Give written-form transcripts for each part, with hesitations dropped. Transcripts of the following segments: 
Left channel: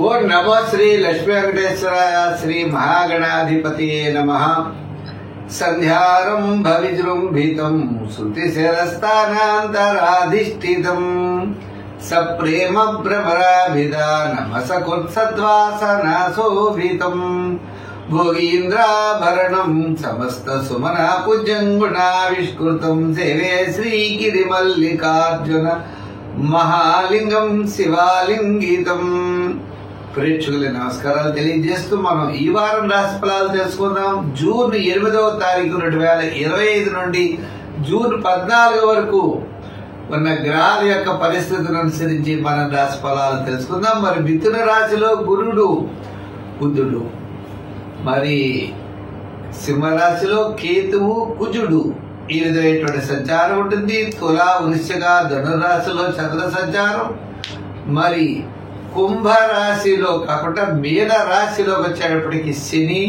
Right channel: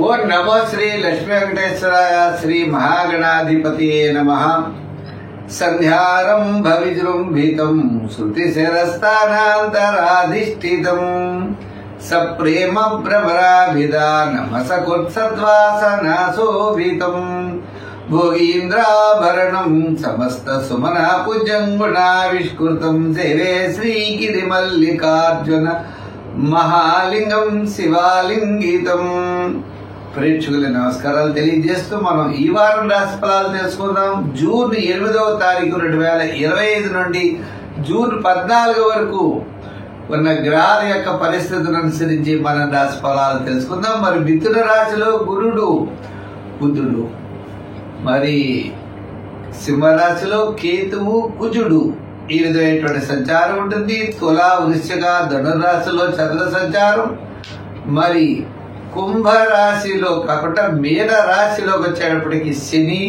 ఓం నమో శ్రీ లక్ష్మీ వెంకటేశ్వరాయ శ్రీ మహాగణాధిపతియే నమః. సంధ్యారంభ విజృంభితం శృతిశిరస్థానాంతరాధిష్ఠితం సప్రేమ భ్రమరాభిధానమసకుత్సద్వాసనాశోభితం భోగీంద్రాభరణం సమస్త సుమనా పుజంగుణావిష్కృతం సేవే శ్రీగిరిమల్లికార్జున మహాలింగం శివాలింగితం. ప్రేక్షకుల నమస్కారాలు తెలియజేస్తూ మనం ఈ వారం రాశి ఫలాలు తెలుసుకుందాం. జూన్ 8వ తారీఖు 2025 నుండి జూన్ 14 వరకు ఉన్న గ్రహాల యొక్క పరిస్థితులను అనుసరించి మనం రాశి ఫలాలు తెలుసుకుందాం. మరి మిథున రాశిలో గురుడు బుధుడు, మరి సింహరాశిలో కేతువు కుజుడు ఈ విధమైనటువంటి సంచారం ఉంటుంది. తులా వృశ్చిక ధనురాశిలో చంద్ర సంచారం, మరి కుంభరాశిలో కాకుండా మీన రాశిలోకి వచ్చేటప్పటికి శని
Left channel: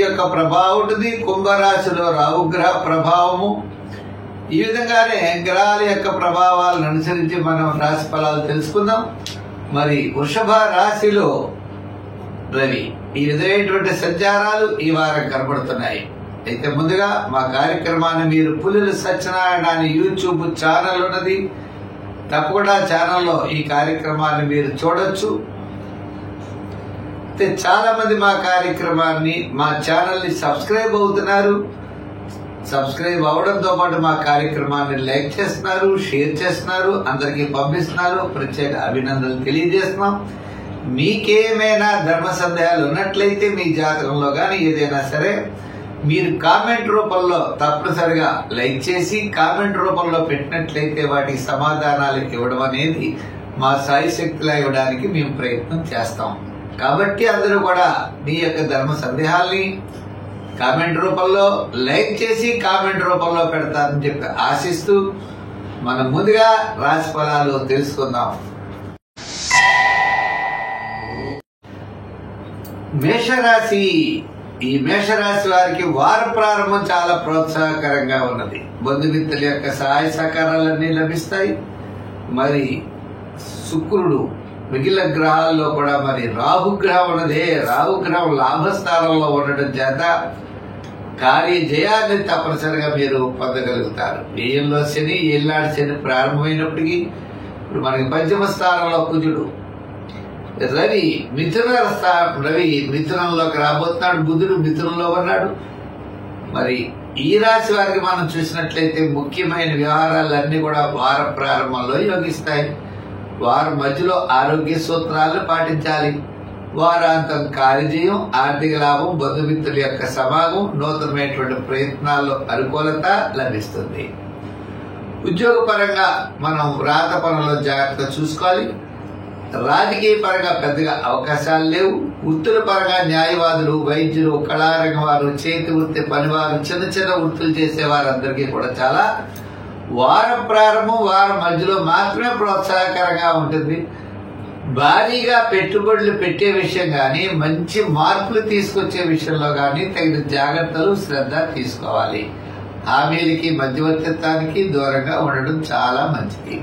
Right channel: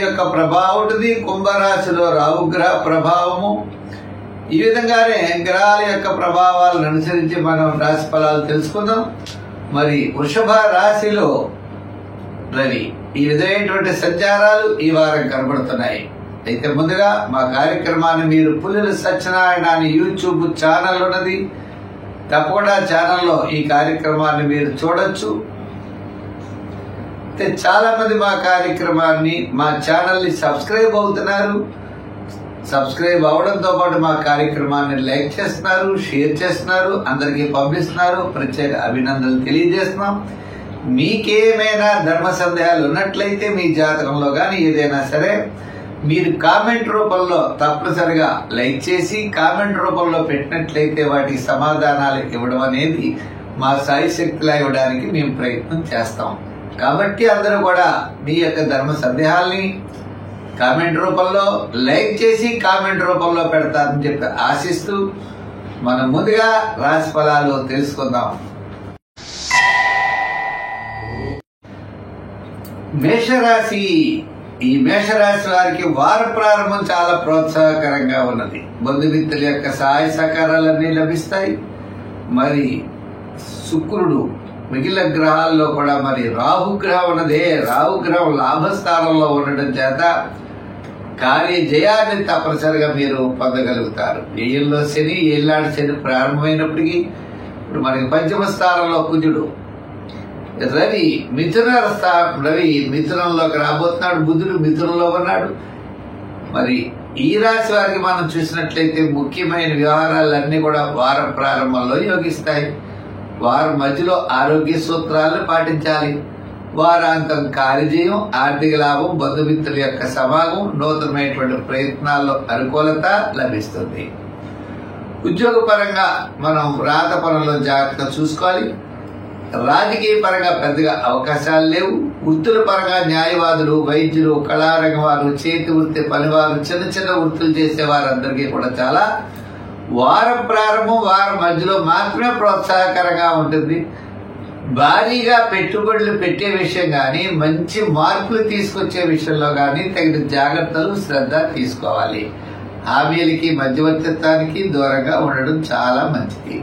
యొక్క ప్రభావం ఉంటుంది. కుంభరాశిలో రాహుగ్రహ ప్రభావము. ఈ విధంగానే గ్రహాల యొక్క ప్రభావాలను అనుసరించి మనం రాశి ఫలాలు తెలుసుకుందాం. మరి వృషభ రాశిలో రవి ఈ విధమైనటువంటి సంచారాలు ఈ వారం కనబడుతున్నాయి. అయితే ముందుగా మా కార్యక్రమాన్ని మీరు పులుల సత్యనారాయణ అని యూట్యూబ్ ఛానల్ ఉన్నది, తప్పకుండా ఛానల్లో ఈ కార్యక్రమాన్ని మీరు చూడొచ్చు. అయితే చాలా మంది మా కార్యక్రమాన్ని మా ఛానల్ ని సబ్స్క్రైబ్ అవుతున్నారు. సబ్స్క్రైబ్ అవడంతో పాటు మా కార్యక్రమాన్ని లైక్ చేస్తున్నారు, షేర్ చేస్తున్నారు, అందరికీ పంపిస్తున్నారు. ప్రత్యేక అభినందనలు తెలియజేస్తున్నాం. మీకేమైనా ధర్మ సందేహాలు ఉన్నట్లయితే మీ జాతకంలో గాని ఏదైనా సరే మీరు కామెంట్ రూపంలో తప్పనిసరిగా లైక్ చేసి కామెంట్ రూపంలో పెట్టినట్లయితే వాటికి సమాధానాలు ఇవ్వడం అనేది మా సాయి శక్తిలా ఇవ్వడానికి మేము ప్రయత్నం చేస్తాం. కాబట్టి అందరూ కూడా మీ యొక్క ధర్మ సందేహాల్ని కామెంట్ రూపంలో లైక్ చేసి కామెంట్ రూపంలో పెడతారని చెప్పి ఆశిస్తూ మనం ముందుగా రాశి ఫలాలు తెలుసుకుందాం. మేషరాశి. ఈ మేషరాశి వారికి వార ప్రారంభం చాలా ప్రోత్సాహకరంగా ఉన్నది. బంధుమిత్రుల యొక్క సహాయ సహకారాలన్నీ లభిస్తాయి. మరి శుక్రుడు మిగిలిన గ్రహాల్లో కూడా మరి రాహుగ్రహం ఉన్నదే, రాహుగ్రహం లాభస్థానంలో ఉండడం చేత కార్యజయాన్ని తప్పనిసరిగా మీరు పొందగలుగుతారు. ఏళ్ళలో శని, ఏళ్ళనాడు శని ప్రారంభమైనప్పటికీ ఇప్పుడు మనకి పంచమ స్థానంలో కుజుడు, రవి మిథునంలోకి రాబోతున్నాడు, బుధుడు మిథునంలో ఉన్నాడు. మరి ఈ రాశి వారికి మనం చూసినట్లయితే ముఖ్యమైన వ్యవహారాలన్నీ కూడా వార ప్రారంభంలో యోగిస్తాయి. వారం మధ్యలో ఆరోగ్య సూత్రాలను పాటించాలి. వారాంతం కార్యజయం, ఆర్థిక లాభం, బంధుమిత్రుల యొక్క సమాగం, నూతనమైనటువంటి ప్రయత్నాల్లో అనుకూలత లభిస్తుంది. ఉద్యోగ పరంగా మనం రాత పనుల్లో జాగ్రత్తగా చూసుకోవాలి. రాజకీయ పరంగా పెద్దగా అవకాశాలు లేవు. వృత్తుల పరంగా న్యాయవాదులు, వైద్యులు, కళారంగం వారు, చేతి వృత్తి పనివారు, చిన్న చిన్న వృత్తులు చేసే వారందరికీ కూడా చాలా వారం ప్రారంభం వారం మధ్యలో మాత్రమే ప్రోత్సాహకరంగా ఉంటుంది. భారీగా పెట్టుబడులు పెట్టే విషయం గాని, మంచి మార్పులు తీసుకొచ్చే విషయంలో గాని తగిన జాగ్రత్తలు, శ్రద్ధ తీసుకోవాలి. హామీలకి, మధ్యవర్తిత్వానికి దూరంగా ఉండడం చాలా మంచిది.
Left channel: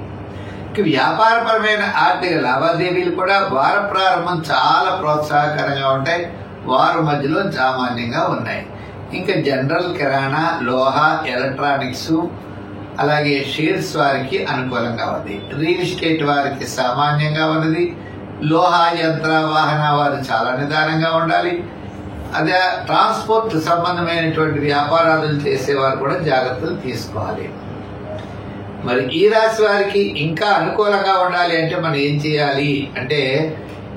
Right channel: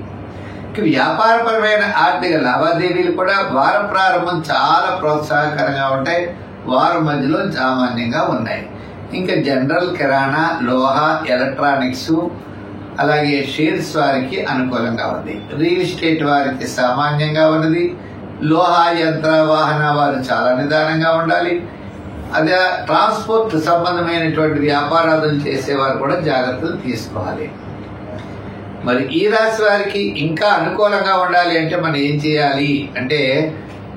వ్యాపారపరమైన ఆర్థిక లావాదేవీలు కూడా వార ప్రారంభం చాలా ప్రోత్సాహకరంగా ఉంటాయి. వారం మధ్యలో సామాన్యంగా ఉన్నాయి. ఇంకా జనరల్, కిరాణా, లోహ, ఎలక్ట్రానిక్స్, అలాగే షేర్స్ వారికి అనుకూలంగా ఉంది. రియల్ ఎస్టేట్ వారికి సామాన్యంగా ఉన్నది. లోహ, యంత్ర, వాహన వారు చాలా నిదానంగా ఉండాలి. అదే ట్రాన్స్పోర్ట్ సంబంధమైనటువంటి వ్యాపారాలు చేసేవారు కూడా జాగ్రత్తలు తీసుకోవాలి. మరి ఈ రాశి వారికి ఇంకా అనుకూలంగా ఉండాలి అంటే మనం ఏం చేయాలి అంటే,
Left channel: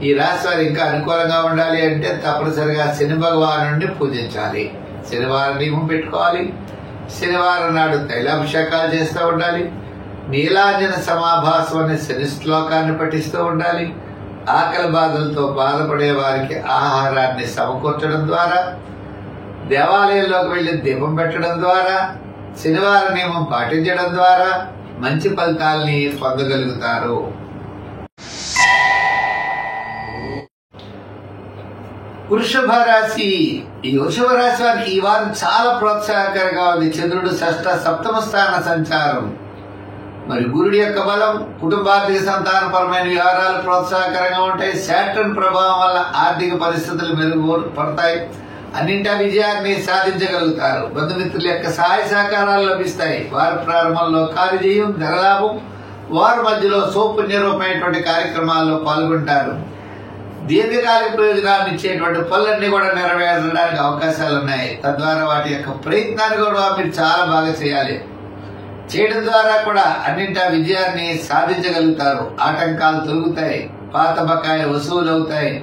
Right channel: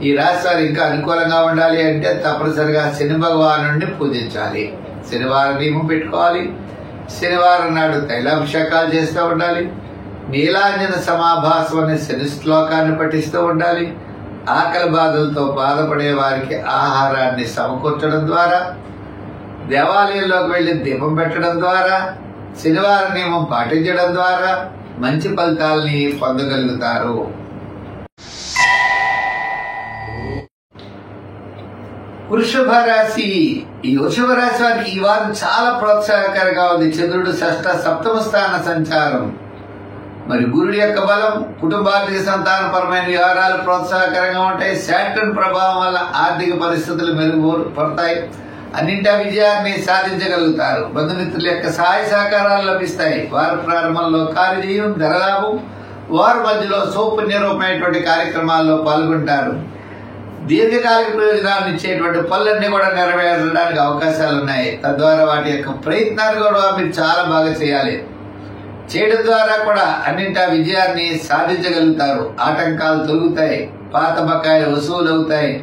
ఈ రాశి వారు ఇంకా అనుకూలంగా ఉండాలి అంటే తప్పనిసరిగా శని భగవానుడిని పూజించాలి. శనివారం నియమం పెట్టుకోవాలి. శనివారం నాడు తైలాభిషేకాలు చేస్తూ ఉండాలి. నీలాంజన సమాభాసం అనే శని శ్లోకాన్ని పఠిస్తూ ఉండాలి. ఆకలి బాధలతో బాధపడే వారికి ఆహారాన్ని సమకూర్చడం ద్వారా, దేవాలయంలోకి వెళ్లి దీపం పెట్టడం ద్వారా, శనివారం నియమం పాటించడం ద్వారా మంచి ఫలితాలని పొందగలుగుతారు. వృషభ రాశి. ఈ వృషభ రాశి వారికి ఈ వారం చాలా ప్రోత్సాహకరంగా ఉంది. చంద్రుడు షష్ఠ సప్తమ స్థాన సంచారం, మరి గురుడి యొక్క బలం కుటుంబార్థిక సంతానపరమైన వ్యవహారాలు ప్రోత్సాహకరంగా ఉంటాయి. శాటర్న్ ప్రభావం వల్ల ఆర్థిక పరిస్థితులు మెరుగుపడతాయి. అన్నింటా విజయాన్ని సాధించగలుగుతారు. బంధుమిత్రుల యొక్క సహాయ సహకారాలు లభిస్తాయి. వార ప్రారంభంలో కార్యజయం, ధనలాభం. వారి మధ్యలో సౌపుణ్యరూపమైనటువంటి కార్యక్రమాల్లో పాల్గొంటారు. దీర్ఘకాలిక ప్రయోజనాన్ని ఇచ్చేటువంటి పనులన్నీ కూడా నెరవేరడానికి అవకాశాలు ఉన్నాయి. తద్వారా వాటి యొక్క ప్రయత్నాన్ని కూడా మీరు చాలా బాగా చేయాలి. చేయడం ద్వారా కూడా అన్నింటా విజయాన్ని సాధించగలుగుతారు. ఆటంకాలు తొలుగుతాయి. పాత బకాయిలు వసూలు అవుతాయి.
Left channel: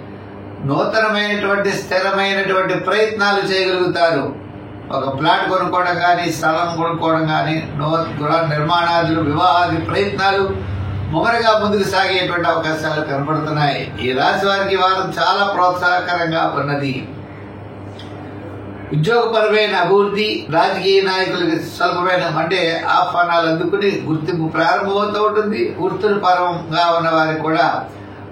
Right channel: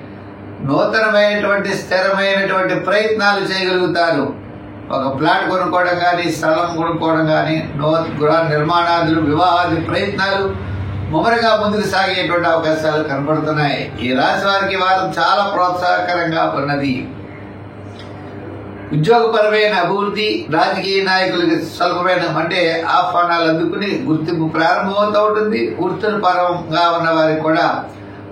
నూతనమైనటువంటి స్థిరమైనటువంటి ప్రయత్నాలు చేయగలుగుతారు. ఒక ప్లాట్ కొనుక్కోవడం కానీ, స్థలం కొనుక్కోవడం కానీ, గృహ నిర్మాణాదులు, వివాహాది ప్రయత్నాలు ముమ్మరంగా ముందుకు సాగేటువంటి అవకాశాలు కనపడుతున్నాయి. ఈ రాశి వారికి వారం చాలా ప్రోత్సాహకరంగా ఉన్నది. ఉద్యోగపరమైన అభివృద్ధి, రాజకీయ నాయకులకి స్వల్పమైన ఆహ్వానాలు అందుకుని గుర్తింపు ప్రారంభమవుతూ ఉంటుంది. వృత్తుల పరంగా ఉన్న వారికి కూడా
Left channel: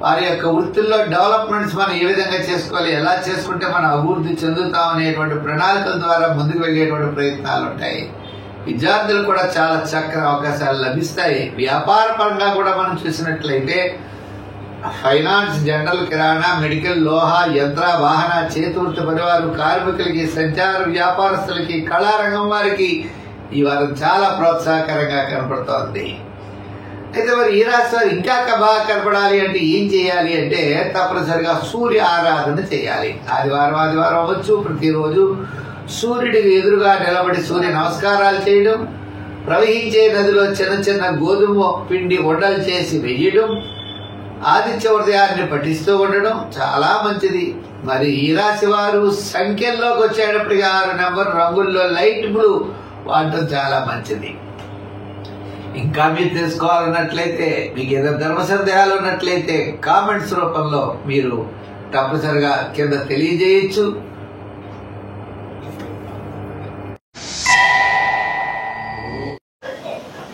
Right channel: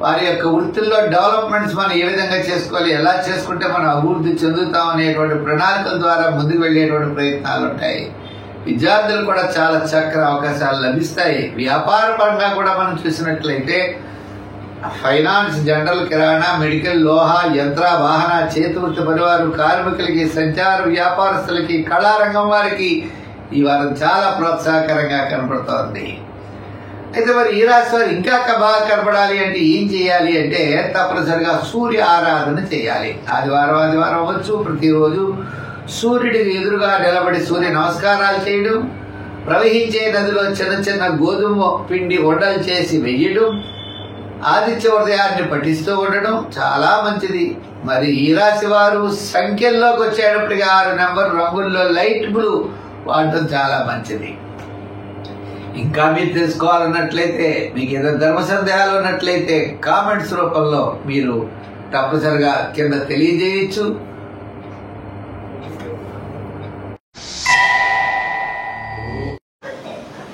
వారి యొక్క వృత్తుల్లో డెవలప్మెంట్స్ మనం ఏ విధంగా చేసుకోవాలి, ఎలా చేసుకుంటే మనం అభివృద్ధి చెందుతాం అనేటువంటి ప్రణాళికల ద్వారా ముందుకు వెళ్లేటువంటి ప్రయత్నాలు ఉంటాయి. విద్యార్థులు కూడా చాలా చక్కని అవకాశాలు లభిస్తాయి. వ్యాపార పరంగా కూడా మనం చూసినట్లయితే ఫైనాన్స్, జనరల్, కిరాణా, మెడికల్, లోహ, యంత్ర, వాహన, చేతివృత్తి పనివారు, కార్మికులకి, సంచార వ్యాపారస్తులకి, కళారంగం వారికి ఈ వారం చాలా ప్రోత్సాహకరంగా కనపడుతోంది. అయితే మరి ఈ రాశి వారు ఇంకా బాగా కనపడాలి అంటే ఏం చేయాలి అంటే తప్పనిసరిగా సూర్య ఆరాధన చేయాలి. ఆదివారం అవ్వచ్చు, ప్రతిరోజు సూర్యుడికి ఎదురుగా నిలబడి సూర్య నమస్కారాలు చేయడం, ప్రవహించే నదిలో చిన్న చిన్న గోధుమ పిండి ఉండలు చేసి వెయ్యడం, ఆదిత్య హృదయాన్ని పఠిస్తూ ఉండడం చాలా మంచిది. మరి ఈ రాశి వారు సంఖ్యల్లోకి వచ్చేటప్పటికి 6 నెంబర్ రంగుల్లో లైట్ బ్లూ వాడటం చాలా మంచిది. ఇంకా మీరు తెలుసుకోవాలన్నట్లయితే, మీకు ఏదైనా ధర్మ సందేహాలు ఉన్నట్లయితే కామెంట్స్ రూపంలో మీరు తప్పనిసరిగా కింద తెలియజేయచ్చు.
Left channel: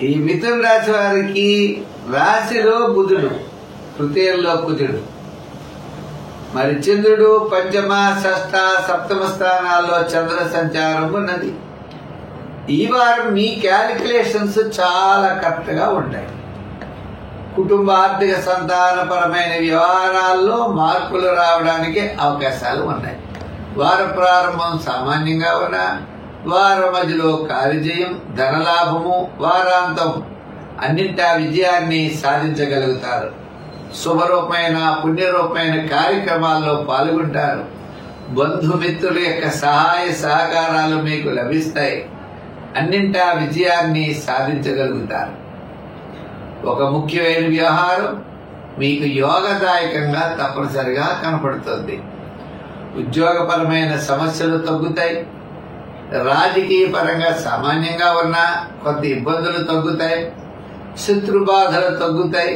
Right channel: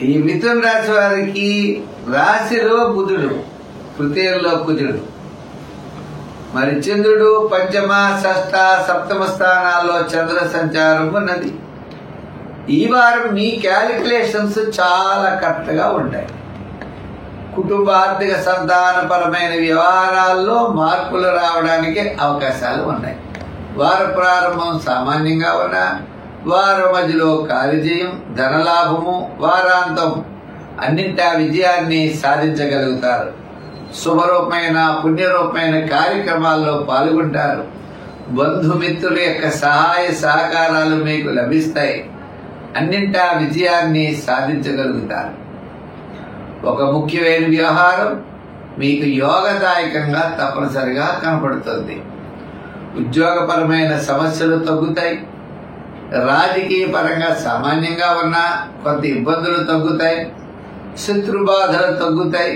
ఈ మిథున రాశి వారికి రాశిలో బుధుడు, తృతీయంలో కుజుడు, మరి చంద్రుడు పంచమ, షష్ఠ, సప్తమ స్థానాల్లో చంద్ర సంచారం ఉన్నది. ఈ వారం మీ క్యాలిక్యులేషన్స్ చాలా కరెక్ట్ గా ఉంటాయి. కుటుంబ ఆర్థిక సంతానపరమైన వ్యవహారాల్లో మార్పులు రావడానికి అవకాశాలు ఉన్నాయి. వార ప్రారంభం సామాన్యంగా ఉన్న, వార మధ్యలో కార్యజయం, ధనలాభము, వారాంతం అన్నింటా విజయాన్ని సాధించగలుగుతారు. శుభరూపమైన, పుణ్యరూపమైన కార్యక్రమాల్లో పాల్గొంటారు. బంధుమిత్రుల యొక్క సహాయ సహకారాలు మీకు లభిస్తాయి. అన్నింటా విజయాన్ని సాధించగలుగుతారు. ఒక ముఖ్యమైన వ్యవహారం మీకు యోగదాయకంగా తప్పనిసరిగా కనపడుతుంది. ఉద్యోగపరమైన సమస్యలు తగ్గుతాయి. రాజకీయ పరంగా సామాన్యంగా ఉన్న కొంత ఇబ్బందులు తగ్గుతాయి. శత్రుబాధలు తగ్గుతాయి.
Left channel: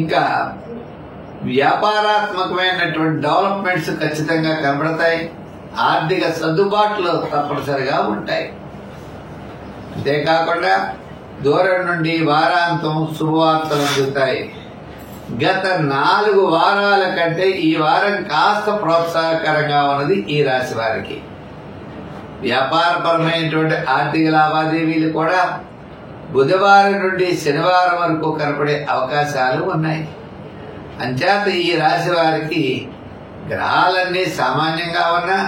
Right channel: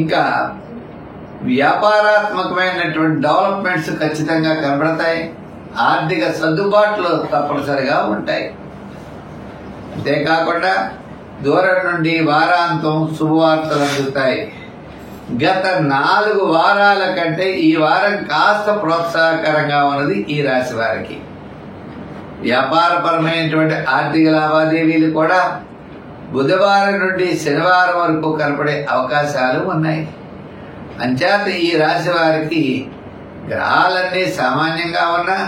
ఇంకా వ్యాపారాత్మకమైనటువంటి డెవలప్మెంట్స్ ఖచ్చితంగా కనబడతాయి. ఆర్థిక సర్దుబాట్లు తప్పనిసరిగా ఉంటాయి. అంతేకాకుండా దూరం నుండి వారాంతం శుభవార్తలు అందుతాయి. గత 4 వారాల కంటే ఈ వారం కాస్త ప్రోత్సాహకరంగా ఉన్నది ఈ రాశి వారికి. వ్యాపారపరమైనటువంటి ఆర్థిక లావాదేవీలు కూడా బుధవారం నుండి శనివారం వరకు కనపడే అవకాశాలు ఉన్నాయి. అంచేత ఈ రాశి వారికి గ్రహాలన్నీ సామాన్యంగా ఉన్నా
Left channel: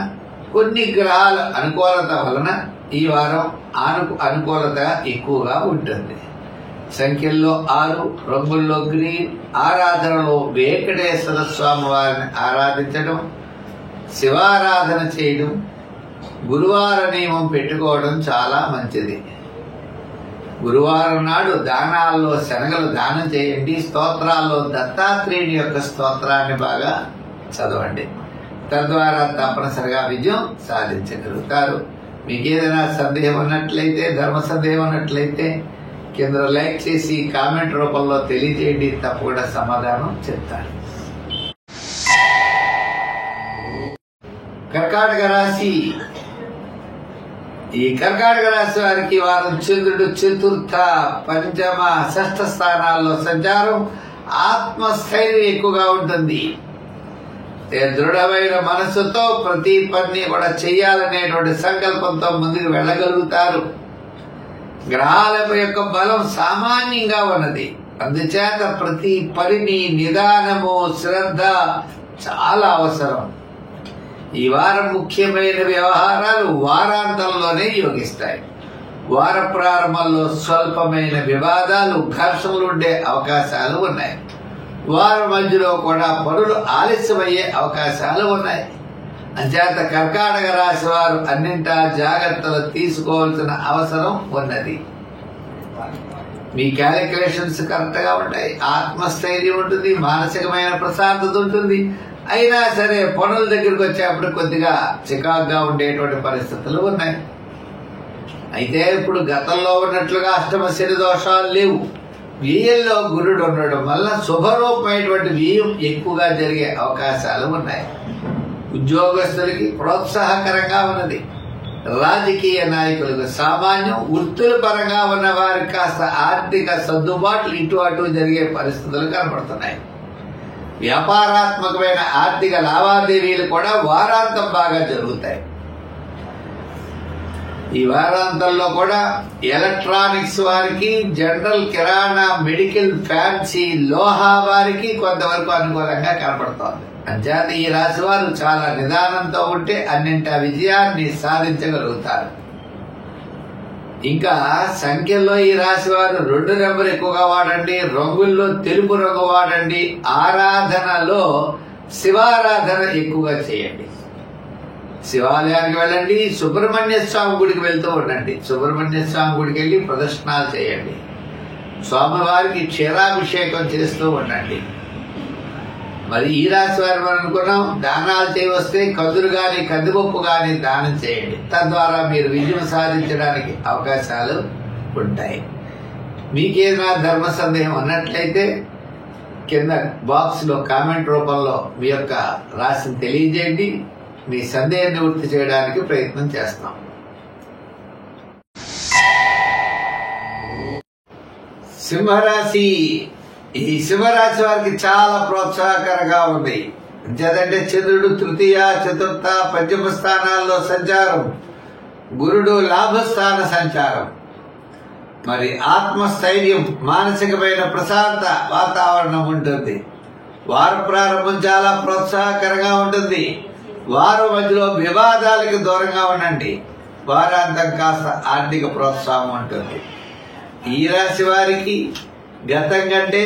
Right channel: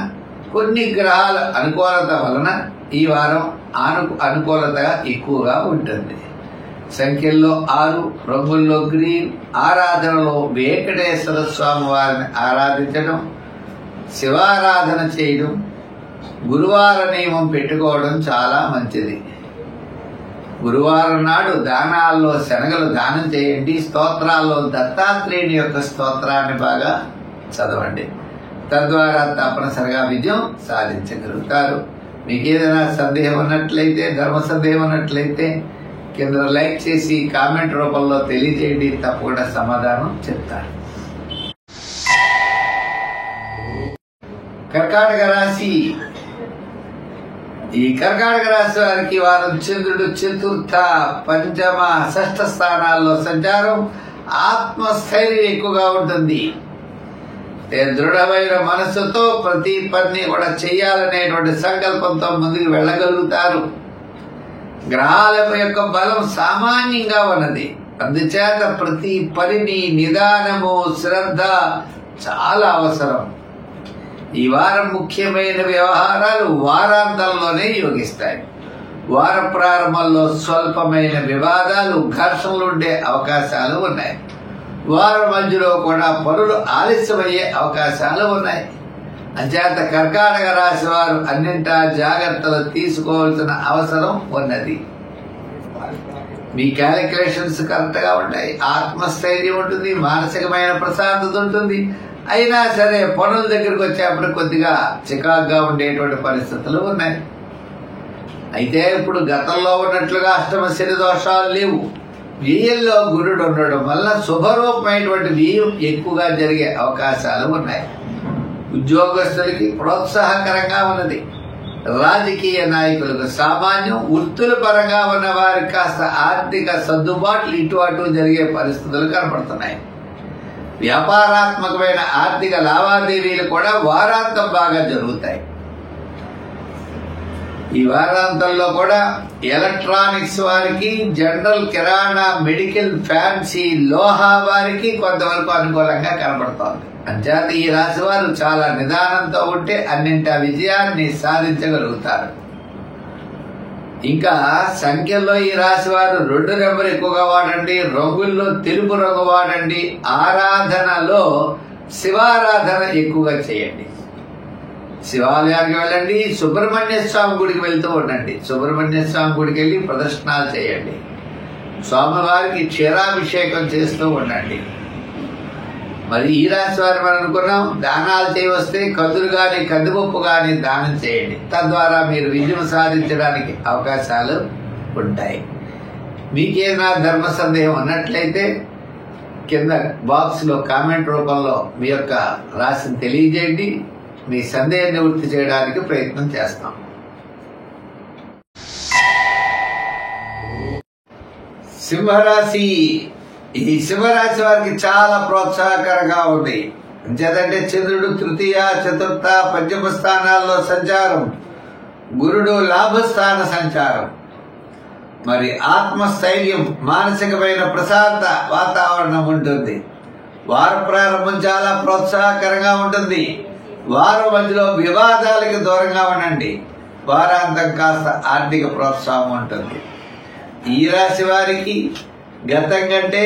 కొన్ని గ్రహాల అనుకూలత వలన ఈ వారం అనుకూలత ఎక్కువగా ఉంటుంది. సంఖ్యల్లో 6, రంగుల్లో గ్రీన్, ఆరాధనలో వెంకటేశ్వర స్వామి వారిని ఆరాధించడం, శివారాధన చేయడం, గురువార నియమం పెట్టుకోవడం చాలా మంచిది. గురువారం నాడు దానాల్లో శనగలు దానం చేయండి. స్తోత్రాల్లో దత్తాత్రేయుని యొక్క స్తోత్రాన్ని బాగా చదవండి. తద్వారా తప్పనిసరిగా విజయం సాధించగలుగుతారు. మీకు ఏదైనా సందేహం ఉన్నట్లయితే, ధర్మ సందేహం ఉన్నట్లయితే కింద లైక్ చేసి కామెంట్ రూపంలో తెలియజేయండి. తప్పకుండా సమాధానం చెప్తారు. కర్కాటక రాశి. ఈ కర్కాటక రాశి వారికి వారం చంద్రుడు చతుర్థ, పంచమ, షష్ఠ స్థానాల్లో సంచారం. ఆత్మస్థైర్యం ఎక్కువగా ఉంటుంది. దృఢమైన మనస్సుతో ప్రతి పని కూడా చేయాలనేటువంటి సంకల్పంతో ముందుకు వెళ్ళగలుగుతారు. గ్రహాల యొక్క బలం సామాన్యంగా ఉన్నది. అందుచేత ప్రతి పనిని నిదానము, శ్రద్ధ చాలా అవసరం. ఈ వారం ముఖ్యమైన వ్యవహారాలు వారాంతంలోనే యోగిస్తాయి. వార ప్రారంభంలో స్వల్పమైన వివాదాలు, ఘర్షణలు ఉండే అవకాశాలు ఉన్నాయి. వారం మధ్యలో కూడా పనులు ఆలస్యమయ్యే అవకాశాలు ఉన్నాయి. అంచేత కర్కాటక రాశి వారు అన్నింటా జాగ్రత్తలు తీసుకోవాల్సిన అవసరం ఉన్నది. మీ క్యాలిక్యులేషన్స్ కరెక్ట్ గా ఉంటాయి, ఆత్మస్థైర్యం ఉంటుంది, మానసికమైన ప్రశాంతత ఉంటుంది. అయినా సరే పనుల దగ్గరకు వచ్చేప్పుడు కొద్దిగా చికాకుగా ఉండేటువంటి పరిస్థితులు ఉన్నాయి. అయితే ఇప్పుడు గతంలో ఉన్నట్లుగా అష్టమ శని దోషాలు లేవు. వ్యయంలో గురుడు ఉండడం వల్ల శుభరూపమైనటువంటి వ్యయం ఎక్కువగా జరిగే అవకాశాలు ఉన్నాయి. ఉద్యోగస్తులకి ప్రోత్సాహకరంగా ఉన్నది. రాజకీయ నాయకులకు సామాన్యం, వృత్తుల పరంగా ఉన్న వారికి కాస్త ఆర్థిక సర్దుబాట్లు ఇటు అటు జరిగే పరిస్థితులు కనపడుతున్నాయి. వ్యాపారాత్మకమైన ఆర్థిక లావాదేవీలు కూడా వారాంతం బాగా జరుగుతాయి. ఈ వారాంతంలో కూడా ఎలక్ట్రానిక్స్ వారికి, జనరల్, కిరాణా, మెడికల్, ఫ్యాన్సీ, లోహా వారికి కొంతవరకు అనుకూలంగా కనబడుతోంది. అంచేత ఈ రాశి వారు చాలా నిదానంతో ఉంటే అన్నింటా విజయాన్ని సాధించగలుగుతారు. ఇంకా సంఖ్యల్లో ఈ రాశి వారు 2 నెంబర్ ఎక్కువగా వాడండి, రంగుల్లో తెలుపు రంగు వాడండి, ఆరాధనలో శివారాధన ఎక్కువగా చేయండి. శివాలయానికి వెళ్ళండి, సుబ్రహ్మణ్య స్వామి గుడికి వెళ్తూ ఉండండి. సుబ్రహ్మణ్య స్వామి గుడికి వెళ్లి ప్రదర్శనలు చేయండి. స్వామివారికి క్షీరాభిషేకం చేస్తూ ఉండండి. మరి ఈ రాశి వారు మనం అనుకున్నాం, దానాలు చేయవస్తే కందులు గాని, కందిపప్పు గాని దానం చేయండి. తద్వారా మీరు విజయం సాధించడానికి అవకాశాలు ఉంటాయి. మీకేదైనా ధర్మ సందేహం ఉన్నట్లయితే కింద బాక్స్ లో కామెంట్ రూపంలో మీ యొక్క రాశిని తెలియజేయండి. మీ సందేహం నివృత్తి చేయడానికి ప్రయత్నం చేస్తాం. సింహరాశి. ఈ సింహరాశి వారికి చాలా ప్రోత్సాహకరంగా ఉంది. అంచేతంటే చంద్రుడు తృతీయ, చతుర్థ, పంచమ స్థానాల్లో సంచారం, గురుడు లాభస్థాన సంచారం. మరి ఆత్మస్థైర్యం, మానసికమైన ప్రశాంత వాతావరణం ఉంటుంది. వార ప్రారంభం చాలా ప్రోత్సాహకరంగా ఉంటుంది. వారం మధ్యలో వివాదాలకు దూరంగా ఉండండి. వారాంతం కాస్త ఆర్థిక ప్రోత్సాహం ఉంటుంది. ఈ రాశి వారికి గతం కంటే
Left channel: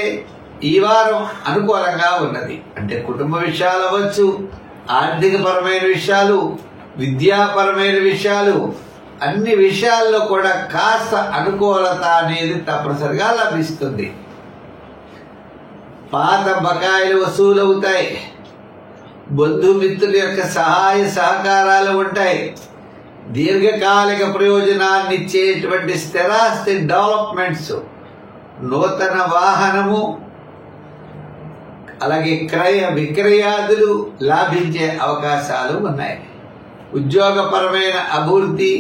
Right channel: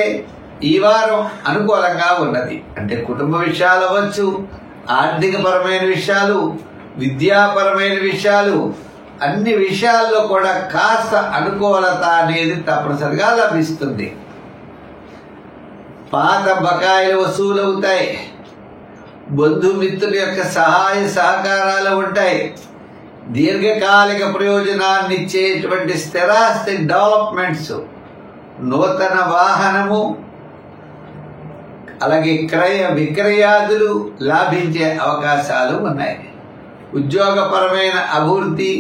ఈ వారం అనుకూలంగా ఉన్నది. అంటే కుటుంబ విషయాలు అవ్వచ్చు, ఆర్థిక పరమైన విషయాలు, విద్యాపరమైన విషయాలు, అన్ని విషయాల్లో కూడా కాస్త అనుకూలత అనేది తప్పనిసరిగా లభిస్తుంది. పాత బకాయిలు వసూలవుతాయి. బంధుమిత్రుల యొక్క సహాయ సహకారాలు ఉంటాయి. దీర్ఘకాలిక ప్రయోజనాన్ని ఇచ్చేటువంటి స్థిరాస్తి డెవలప్మెంట్స్, నూతన వాహనము, అలాగే క్రయ విక్రయాదులు లాభించే అవకాశాలు ఉన్నాయి. ఉద్యోగపరమైన అభివృద్ధి,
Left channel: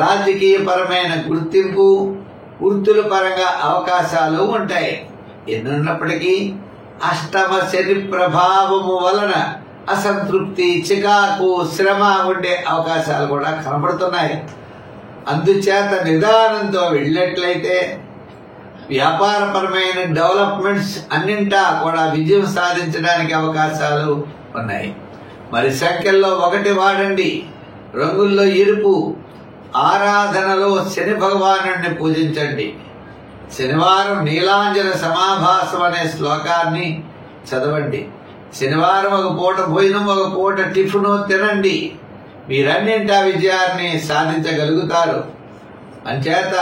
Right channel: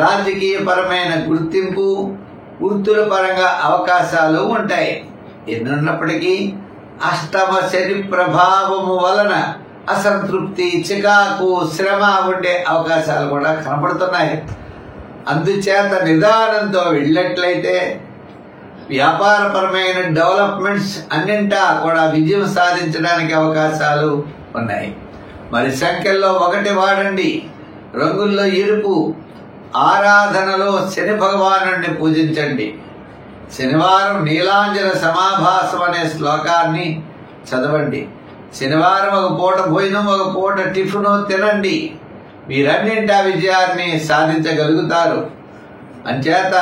రాజకీయపరమైన గుర్తింపు, వృత్తుల పరంగా అవకాశాలు ఉంటాయి. ఎన్నున్నప్పటికీ అష్టమ శని ప్రభావము వలన అసంతృప్తి, చికాకు, శ్రమ ఉండే అవకాశాలు కూడా కనబడుతున్నాయి. అందుచేత నిదానంతో వెళ్ళినట్లయితే వ్యాపారపరమైన డెవలప్మెంట్స్ అన్నింటా కూడా విజయం సాధించడానికి అవకాశాలు ఉన్నాయి. మరి సంఖ్యల్లో 1 వాడండి, రంగుల్లో ఎరుపు. ఆరాధనలో శని భగవానుడిని పూజించండి. శనివారం నీలాంజన సమాభాసం అనే శ్లోకాన్ని చదవండి. శనివారం ఒక పూట భోజనం, ఒక పూట టిఫిన్ తినండి. మీరన్నింటా విజయాన్ని సాధించగలుగుతారు. అంచేత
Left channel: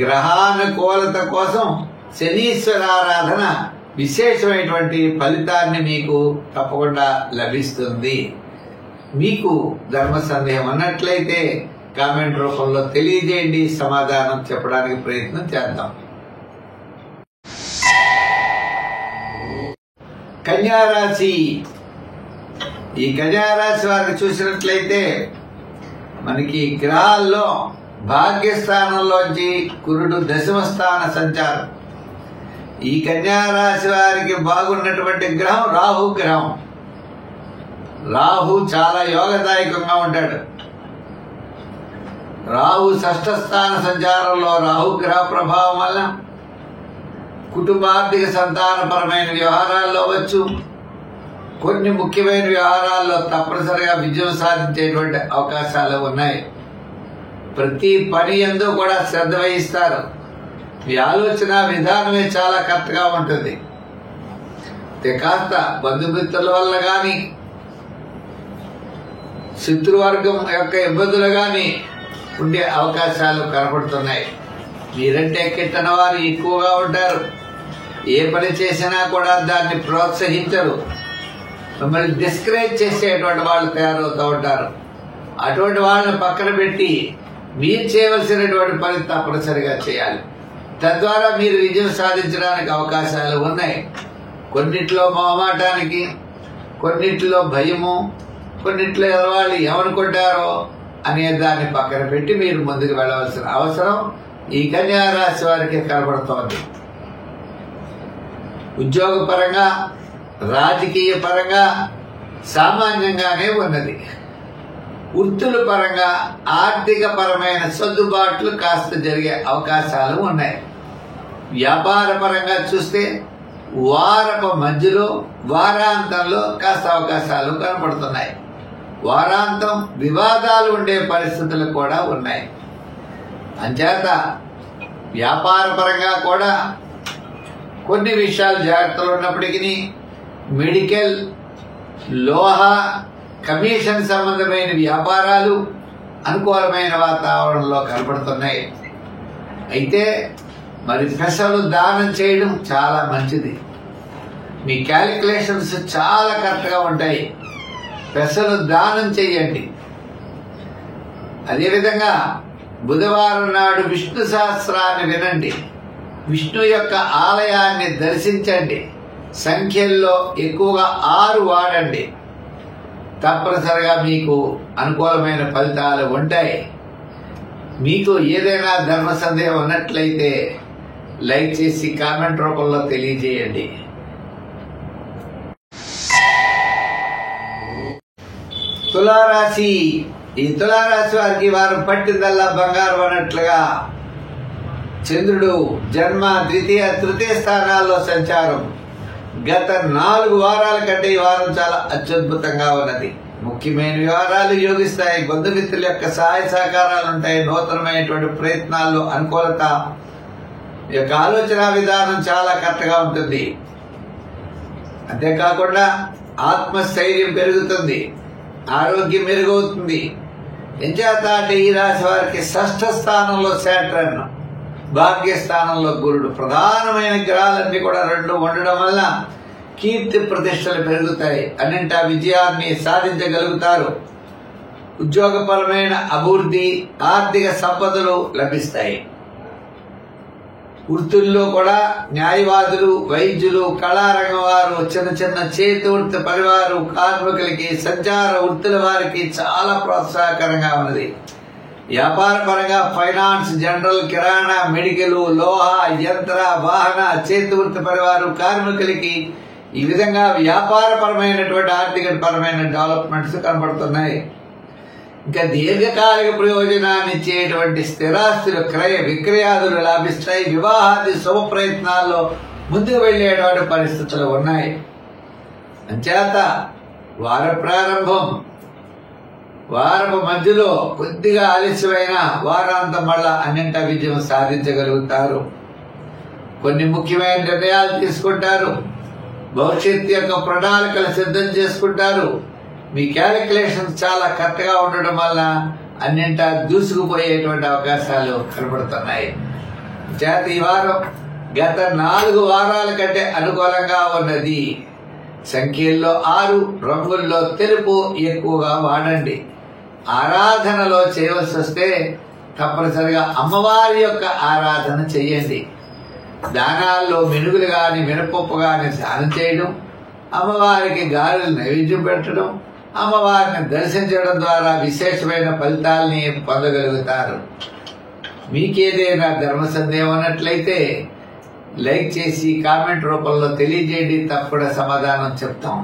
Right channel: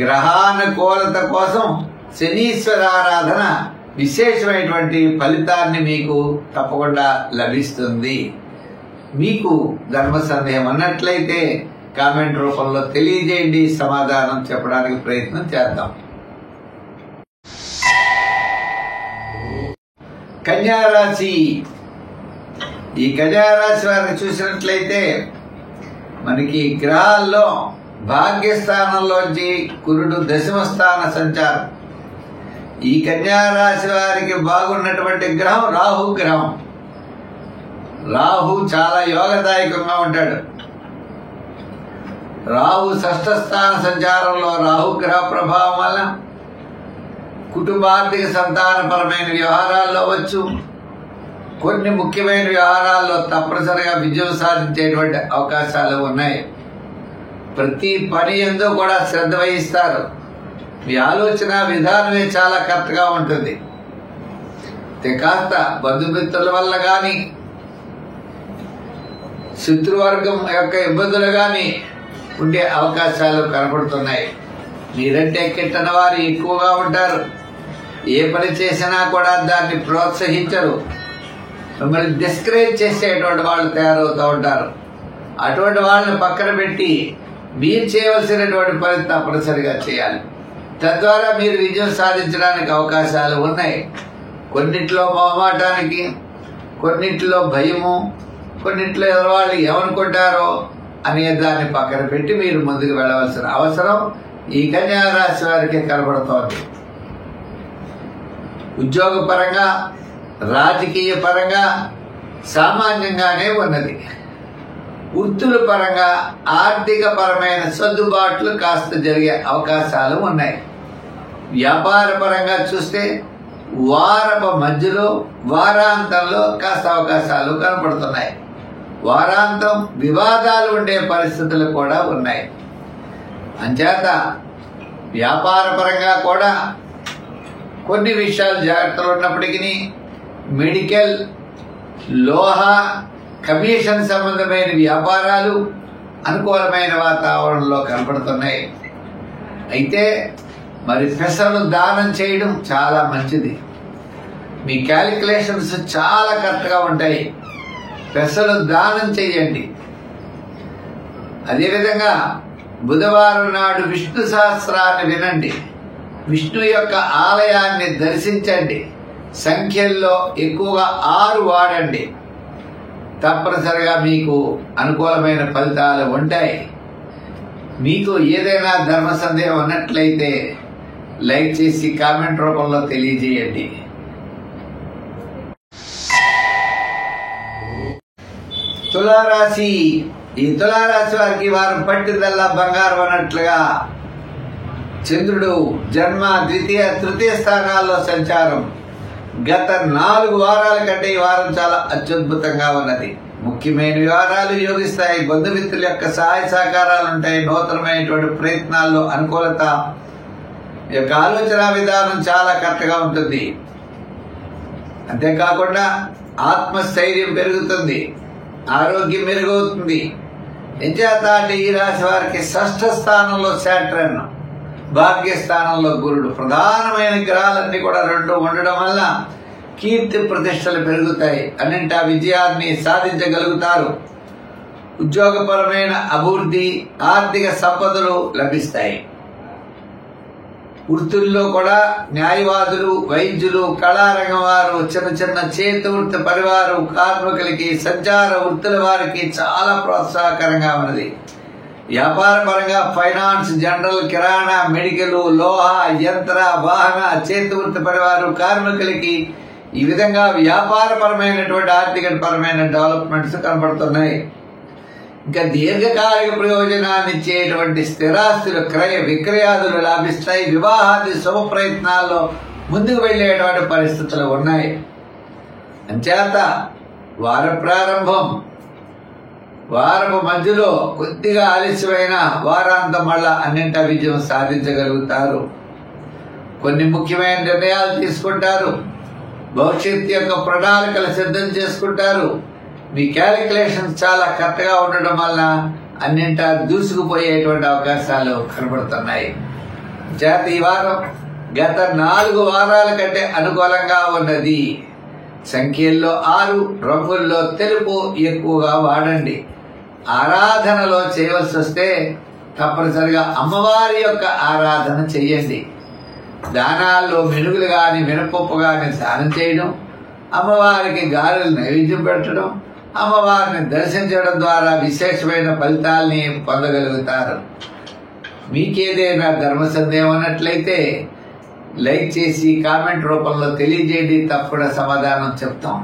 గ్రహానుకూలత కోసం శనీశ్వరారాధన విశేషమైనటువంటి ఫలితాన్ని మీకు తప్పకుండా లభిస్తుంది. మీకు ధర్మ సందేహం అన్నట్లయితే కామెంట్ రూపంలో తెలియజేయండి. సమాధానం చెప్పడానికి ప్రయత్నం చేద్దాం. కన్యారాశి. ఈ కన్యారాశి వారిని చూసినట్లయితే మనకి గ్రహాల్లో భాగ్యస్థానంలోంచి గురుడు దశమ స్థాన సంచారం. ఈ కన్యారాశి వారికి బాగున్నటువంటి గ్రహం రాహు గ్రహం. రాహు చాలా యోగదాయకంగా ఉంటాడు. రాహు షష్ఠ స్థాన సంచారంలో రాహుగ్రహ ప్రభావం వల్ల కుటుంబార్థిక సంతానపరమైన వ్యవహారాల్లో వచ్చు, కొన్ని ముఖ్యమైన వ్యవహారాల్లో తప్పనిసరిగా విజయం సాధించేటువంటి అవకాశాలు ఉన్నాయి. ప్రతి పని యందు కూడా శ్రద్ధ వహిస్తారు. మీ ఆలోచన విధానమే చాలా కరెక్ట్ గా ఉంటుంది. కాస్త బంధుమిత్రుల వల్ల గాని శత్రువర్గం యొక్క ఇబ్బందులు గాని ఉండే అవకాశాలు కనపడుతున్నాయి. మీరంటే కిట్టన వారు ఎక్కువగా ఉంటారు. ఏ పని చేసినా కూడా దాన్ని ప్రోత్సహించరు. మిమ్మల్ని డిస్కరేజ్ చేసేటువంటి వాళ్ళు తయారవుతూ ఉంటారు. అటువంటి వాళ్ళని పక్కన పెట్టి మీరు చేయవలసినటువంటి పని తప్పనిసరిగా చేయాలి. తద్వారా మీరు విజయం సాధించడానికి అవకాశాలు ఉన్నాయి. కొన్నిట్లో మొహమాటానికి, కొన్నిట్లో భయము, కొన్నిట్లో వాళ్ళు ఏమనుకుంటారో అనే దాన్ని పక్కన పెట్టి మీరు ముందుకు వెళ్ళవలసిన అవసరం ఈ కన్యా రాశి వారికి కనబడుతోంది. ఉద్యోగపరంగా, రాజకీయ పరంగా సామాన్యంగానే ఉన్నది. వృత్తుల పరంగా ఆర్థిక పరమైన సర్దుబాట్లు కాస్త జరిగే అవకాశాలు ఉన్నాయి. వ్యాపార పరంగా చూస్తే వారపు మధ్యలో, వారాంతంలో కాస్త అవకాశాలు కనపడుతున్నాయి. వారాంతం వివాదాలు ఉండే పరిస్థితులు కూడా ఉన్నాయి. అంచేత వ్యాపార పరంగా కూడా కొన్ని విషయాలు జాగ్రత్తలు ఉన్నప్పటికీ మెడికల్, లోహ, కమిషన్ సంబంధమైన వ్యాపారాలు అనుకూలమైన వాతావరణంలో కనపడుతున్నాయి. అయితే మరి పెసలు దానం చేయడం చాలా మంచిది. మీ క్యాలిక్యులేషన్స్ చాలా కరెక్ట్ గా ఉంటాయి. పెసలు దానం చేయండి. అదేవిధంగా బుధవారం నాడు విష్ణు సహస్రాన్ని వినండి. విష్ణు యొక్క ఆలయాన్ని దర్శించండి. సంఖ్యల్లో ఎక్కువగా 6 వాడండి. తప్పనిసరిగా మీకు అనుకూలమైన ఫలితాలు ఉంటాయి. మీకు ఏదైనా ధర్మ సందేహం ఉన్నట్లయితే లైక్ చేసి కామెంట్ రూపంలో తెలియజేయండి. తులారాశి. ఈ తులారాశి వారికి వారం పట్టిందల్లా బంగారం అన్నట్లుగా చంద్రుడు జన్మ, ద్వితీయ, తృతీయ స్థానాల్లో సంచారం. గత 4 వారాల కంటే ఈ వారం చాలా అత్యద్భుతంగా ఉన్నది. ముఖ్యమైన వ్యవహారాలు యోగిస్తాయి. బంధుమిత్రుల యొక్క సహాయ సహకారాలు ఉంటాయి. నూతనమైనటువంటి ప్రయత్నాల్లో అనుకూలత. ఈ యొక్క ఆలోచన విధానం చాలా కరెక్ట్గా ఉంటుంది. అంతేకాకుండా ఆత్మస్థైర్యం పెరుగుతుంది, ఆరోగ్యం మెరుగవుతుంది. ఎంచేత అంటే ఈ రాశి వారికి షష్ఠ స్థానంలో శాట్రన్, భాగ్యస్థానంలో గురుడు, ప్రధానమైన గ్రహాలన్నీ కూడా 2 ఉండడం వల్ల కీర్తి ప్రతిష్టలు పెరుగుతాయి. అన్నింటా విజయాన్ని సాధించగలుగుతారు. ఉద్యోగపరమైన అభివృద్ధి, ఆర్థిక సంపదలు లభిస్తాయి. వృత్తుల్లో కూడా న్యాయవాదులు, వైద్యులు, కళారంగం వారు, చిన్న చిన్న చేతి వృత్తి పరివారు, కార్మికులకి, సంచార వృత్తుల వారికి చాలా ప్రోత్సాహకరంగా ఉన్నది. వ్యాపార పరంగా ఫైనాన్స్, జనరల్, కిరాణా, మెడికల్, లోహ, యంత్ర, వాహన, చేతి వృత్తి పరివారు, కార్మికులకి ఈ విధంగా వ్యాపారపరమైనటువంటి ఆర్థిక పరమైన డెవలప్మెంట్స్ కనబడుతున్నాయి. ఇంకా దీర్ఘకాలిక ప్రయోజనాన్ని ఇచ్చేటువంటి స్థిరాస్తులు క్రయ విక్రయాదులు లాభిస్తాయి. వివాహాది శుభ ప్రయత్నాల్లో ముందుకు వెళ్లేటువంటి పరిస్థితులు ఉన్నాయి. అంచేత వార ప్రారంభం, వారపు మధ్యలో కొద్దిగా ఆలస్యమైన వారాంతం మళ్ళా అన్నింటా విజయం సాధించగలుగుతారు. కొన్ని ముఖ్యమైన నిర్ణయాలు తీసుకుంటారు. భవిష్యత్తు యొక్క ప్రణాళికలు సిద్ధం చేసుకుంటారు. మీ క్యాలిక్యులేషన్స్ చాలా కరెక్ట్ గా ఉండడం వల్ల అన్నింటా దూసుకుపోయేటువంటి అవకాశాలు కనబడుతున్నాయి. చేత ఈ వారం గత 4 వారాల కంటే అనుకూలంగా ఉన్నది. సంఖ్యల్లో 6, రంగుల్లో తెలుపు ఎక్కువగా వాడండి. ఆరాధనలో చేయవలసి వస్తే తప్పనిసరిగా అమ్మవారి యొక్క ఆరాధన చెయ్యండి. దానాల్లో మినుగులు గాని, మినపప్పు గాని దానం చేయడం, అమ్మవారికి గారెలు నైవేద్యం పెట్టడం, అమ్మవారిని దర్శించడం ద్వారా విశేషమైన ఫలితాలని పొందగలుగుతారు. మీకేదైనా ధర్మ సందేహం ఉన్నట్లయితే లైక్ చేసి కామెంట్ రూపంలో తెలియజేయండి. తప్పకుండా సమాధానం చెప్తాం.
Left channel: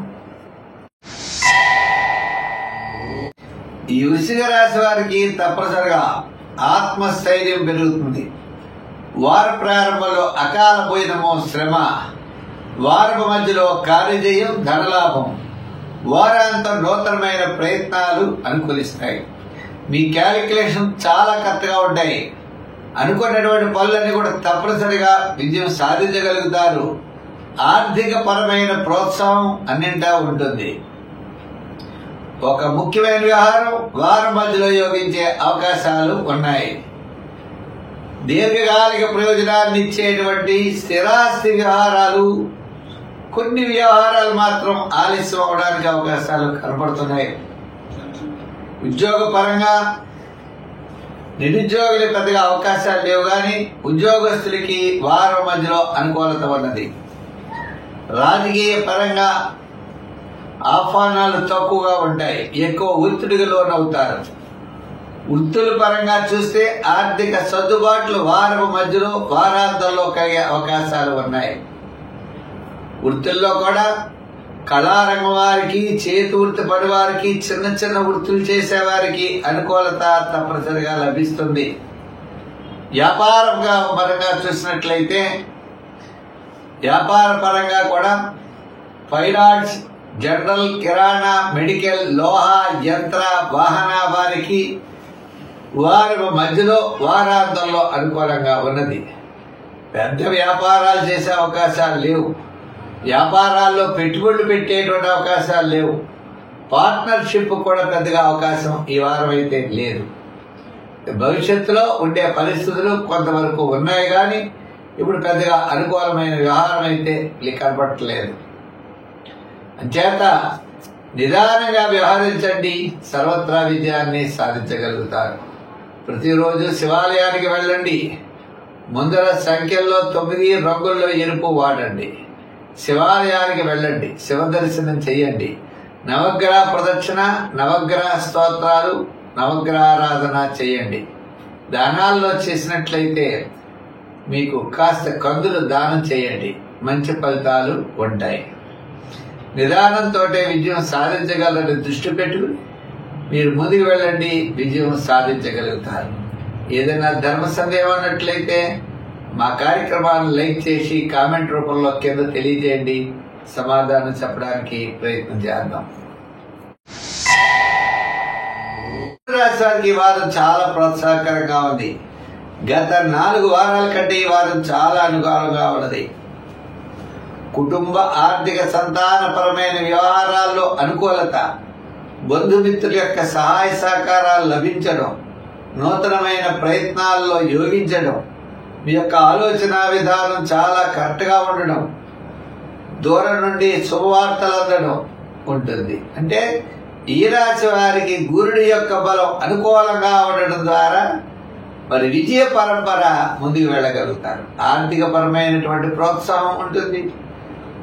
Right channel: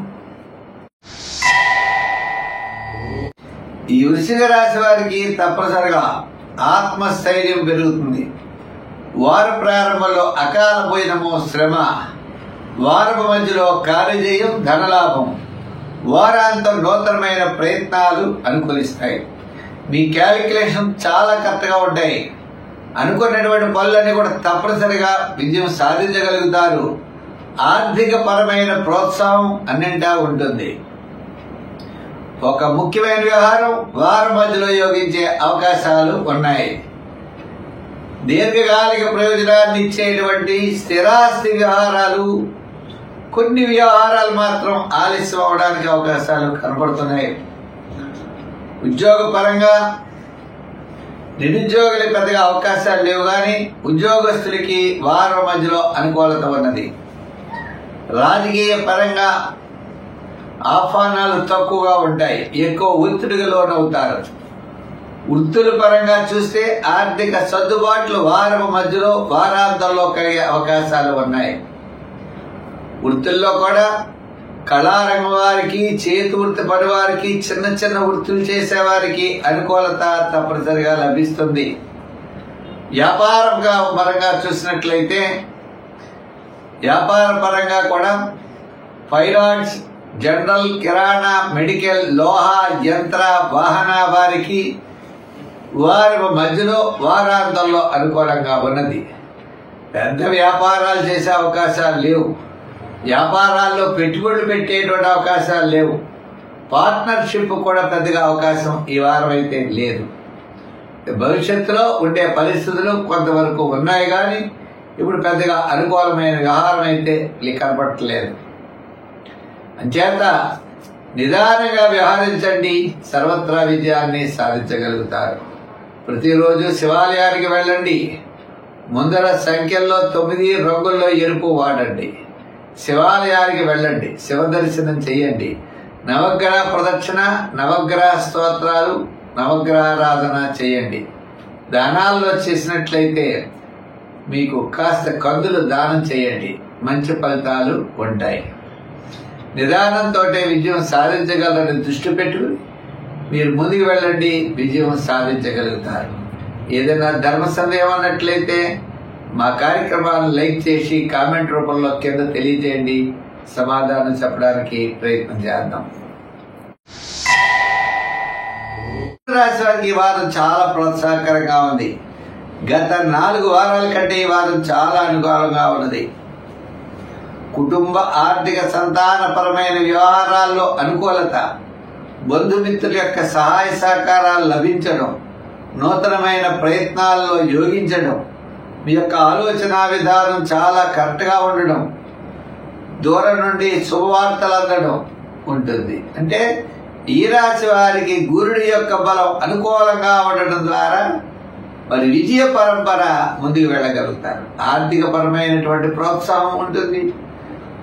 ఈ వృశ్చిక రాశి వారికి తప్పనిసరిగా ఆత్మస్థైర్యం పెరుగుతుంది. వార ప్రారంభంలో అకాల భోజనము శ్రమ, వారపు మధ్యలో కార్యజయం ధనలాభం, వారాంతం నూతనమైన ప్రయత్నాలు అనుకూలిస్తాయి. మీ క్యాలిక్యులేషన్ చాలా కరెక్ట్గా ఉంటాయి. అనుకున్నటువంటి పనులన్నీ కూడా తప్పనిసరిగా విజయం సాధించగలుగుతారు. ఆర్థిక పరమైన ప్రోత్సాహం అన్నింటా ఉంటుంది. ఒక ముఖ్యమైన వ్యవహారం వారం మధ్యలో యోగించే అవకాశాలు ఉన్నాయి. దీర్ఘకాలిక ప్రయోజనాన్ని ఇచ్చేటువంటి స్థిరాస్తి వ్యవహారాలు, కొన్ని వ్యవహారాలు మాత్రం ఆలస్యం అవడానికి అవకాశాలు కనబడుతున్నాయి. ఉద్యోగ పరంగా నిరుద్యోగులకి పెద్దగా అవకాశాలు లేవు, కానీ ఉద్యోగస్తులకి వారం మధ్యలో అనుకూలత ఉన్నది. రాజకీయ పరంగా ఆహ్వానాలు తక్కువగా ఉంటాయి, ఎక్కువ ఒత్తిడికి లోనవుతారు. వృత్తుల పరంగా చూస్తే ఆర్థిక సర్దుబాట్లు వారపు మధ్యలో వారాంతంలో కలిగే అవకాశాలు ఉన్నాయి. వృత్తుల్లో కూడా కళారంగం వారికి, చేతి వృత్తి పని వారికి, చిన్న చిన్న వృత్తులు చేసేవారికి అనుకూలత తప్పనిసరిగా లభిస్తుంది. వ్యాపారంగా పరంగా చూసినట్లయితే వ్యాపార పరంగా కూడా ఫైనాన్స్, జనరల్, కిరాణా, మెడికల్, లోహ, యంత్ర, వాహన వారికి వారి మధ్యలో వారాంతంలో అనుకూలంగా ఉన్నది. పెద్ద వ్యాపారాలు చేసే అవకాశాలు లేవు. వ్యాపారాల్లో పెట్టుబడులు పెట్టేటువంటి అవకాశాలు లేవు. పార్ట్నర్షిప్ కూడా పెద్దగా అవకాశం ఈ వారం అయితే లేదు. భవిష్యత్తులో ఉండే పరిస్థితులు కొంతవరకు ఉన్నాయి, కానీ ఇప్పుడు పెద్దగా అనుకూలమైన వ్యవహారం అయితే కనపడట్లేదు. అంచేత నిదానంగా వ్యవహరించండి, సర్వత్రా విజయాన్ని సాధించగలుగుతారు. ప్రతిరోజు శివాలయానికి వెళ్ళండి. ముందర సంఖ్యల్లో 9 రంగుల్లో ఎరుపు వాడండి. శివాలయానికి వెళ్ళండి, శివ దర్శనం చేయండి. నవగ్రహ ప్రదక్షిణ, నవగ్రహ స్తోత్రాలు, నవగ్రహారాధన చేయండి. దానాల్లో చేసినట్లయితే మీకు కాస్త కందులు దానం చేయండి, మంచి ఫలితాలు ఉంటాయి. నిదానంతో విజయం సాధించగలరని దృష్టి పెట్టుకుని మీరు ముందుకు వెళ్ళండి, విజయం సాధించగలుగుతారు. ఏదైనా ధర్మ సందేహం అన్నట్లయితే మా కార్యక్రమాలను లైక్ చేసి కామెంట్ రూపంలో కింద తెలియజేయండి, సమాధానం చెప్పడానికి ప్రయత్నం చేద్దాం. రాశి వారికి ఈ వారం చాలా ప్రోత్సాహకరంగా ఉంది. గత 4 వారాల కంటే ఈ వారం చాలా అనుకూలంగా ఉన్నది. కుటుంబ, ఆర్థిక, సంతానపరమైన వ్యవహారాల్లో అనుకూలత, బంధుమిత్రుల యొక్క సహాయ సహకారాలు లభించడం, నూతనమైన ప్రయత్నాల్లో యోగించడం, మీ యొక్క ఆలోచన విధానం చాలా కరెక్ట్గా ఉండడం, దూరం నుండి శుభవార్తలు అందడం ఉంటుంది. అంటే ఈ రాశి వారికి గురుడి యొక్క బలం అనుకూలంగా ఉండడం ద్వారా మరి విజయ పరంపర ముందుకు వెళ్ళగలుగుతారు. ఆర్థిక పరమైనటువంటి ప్రోత్సాహం ఉంటుంది.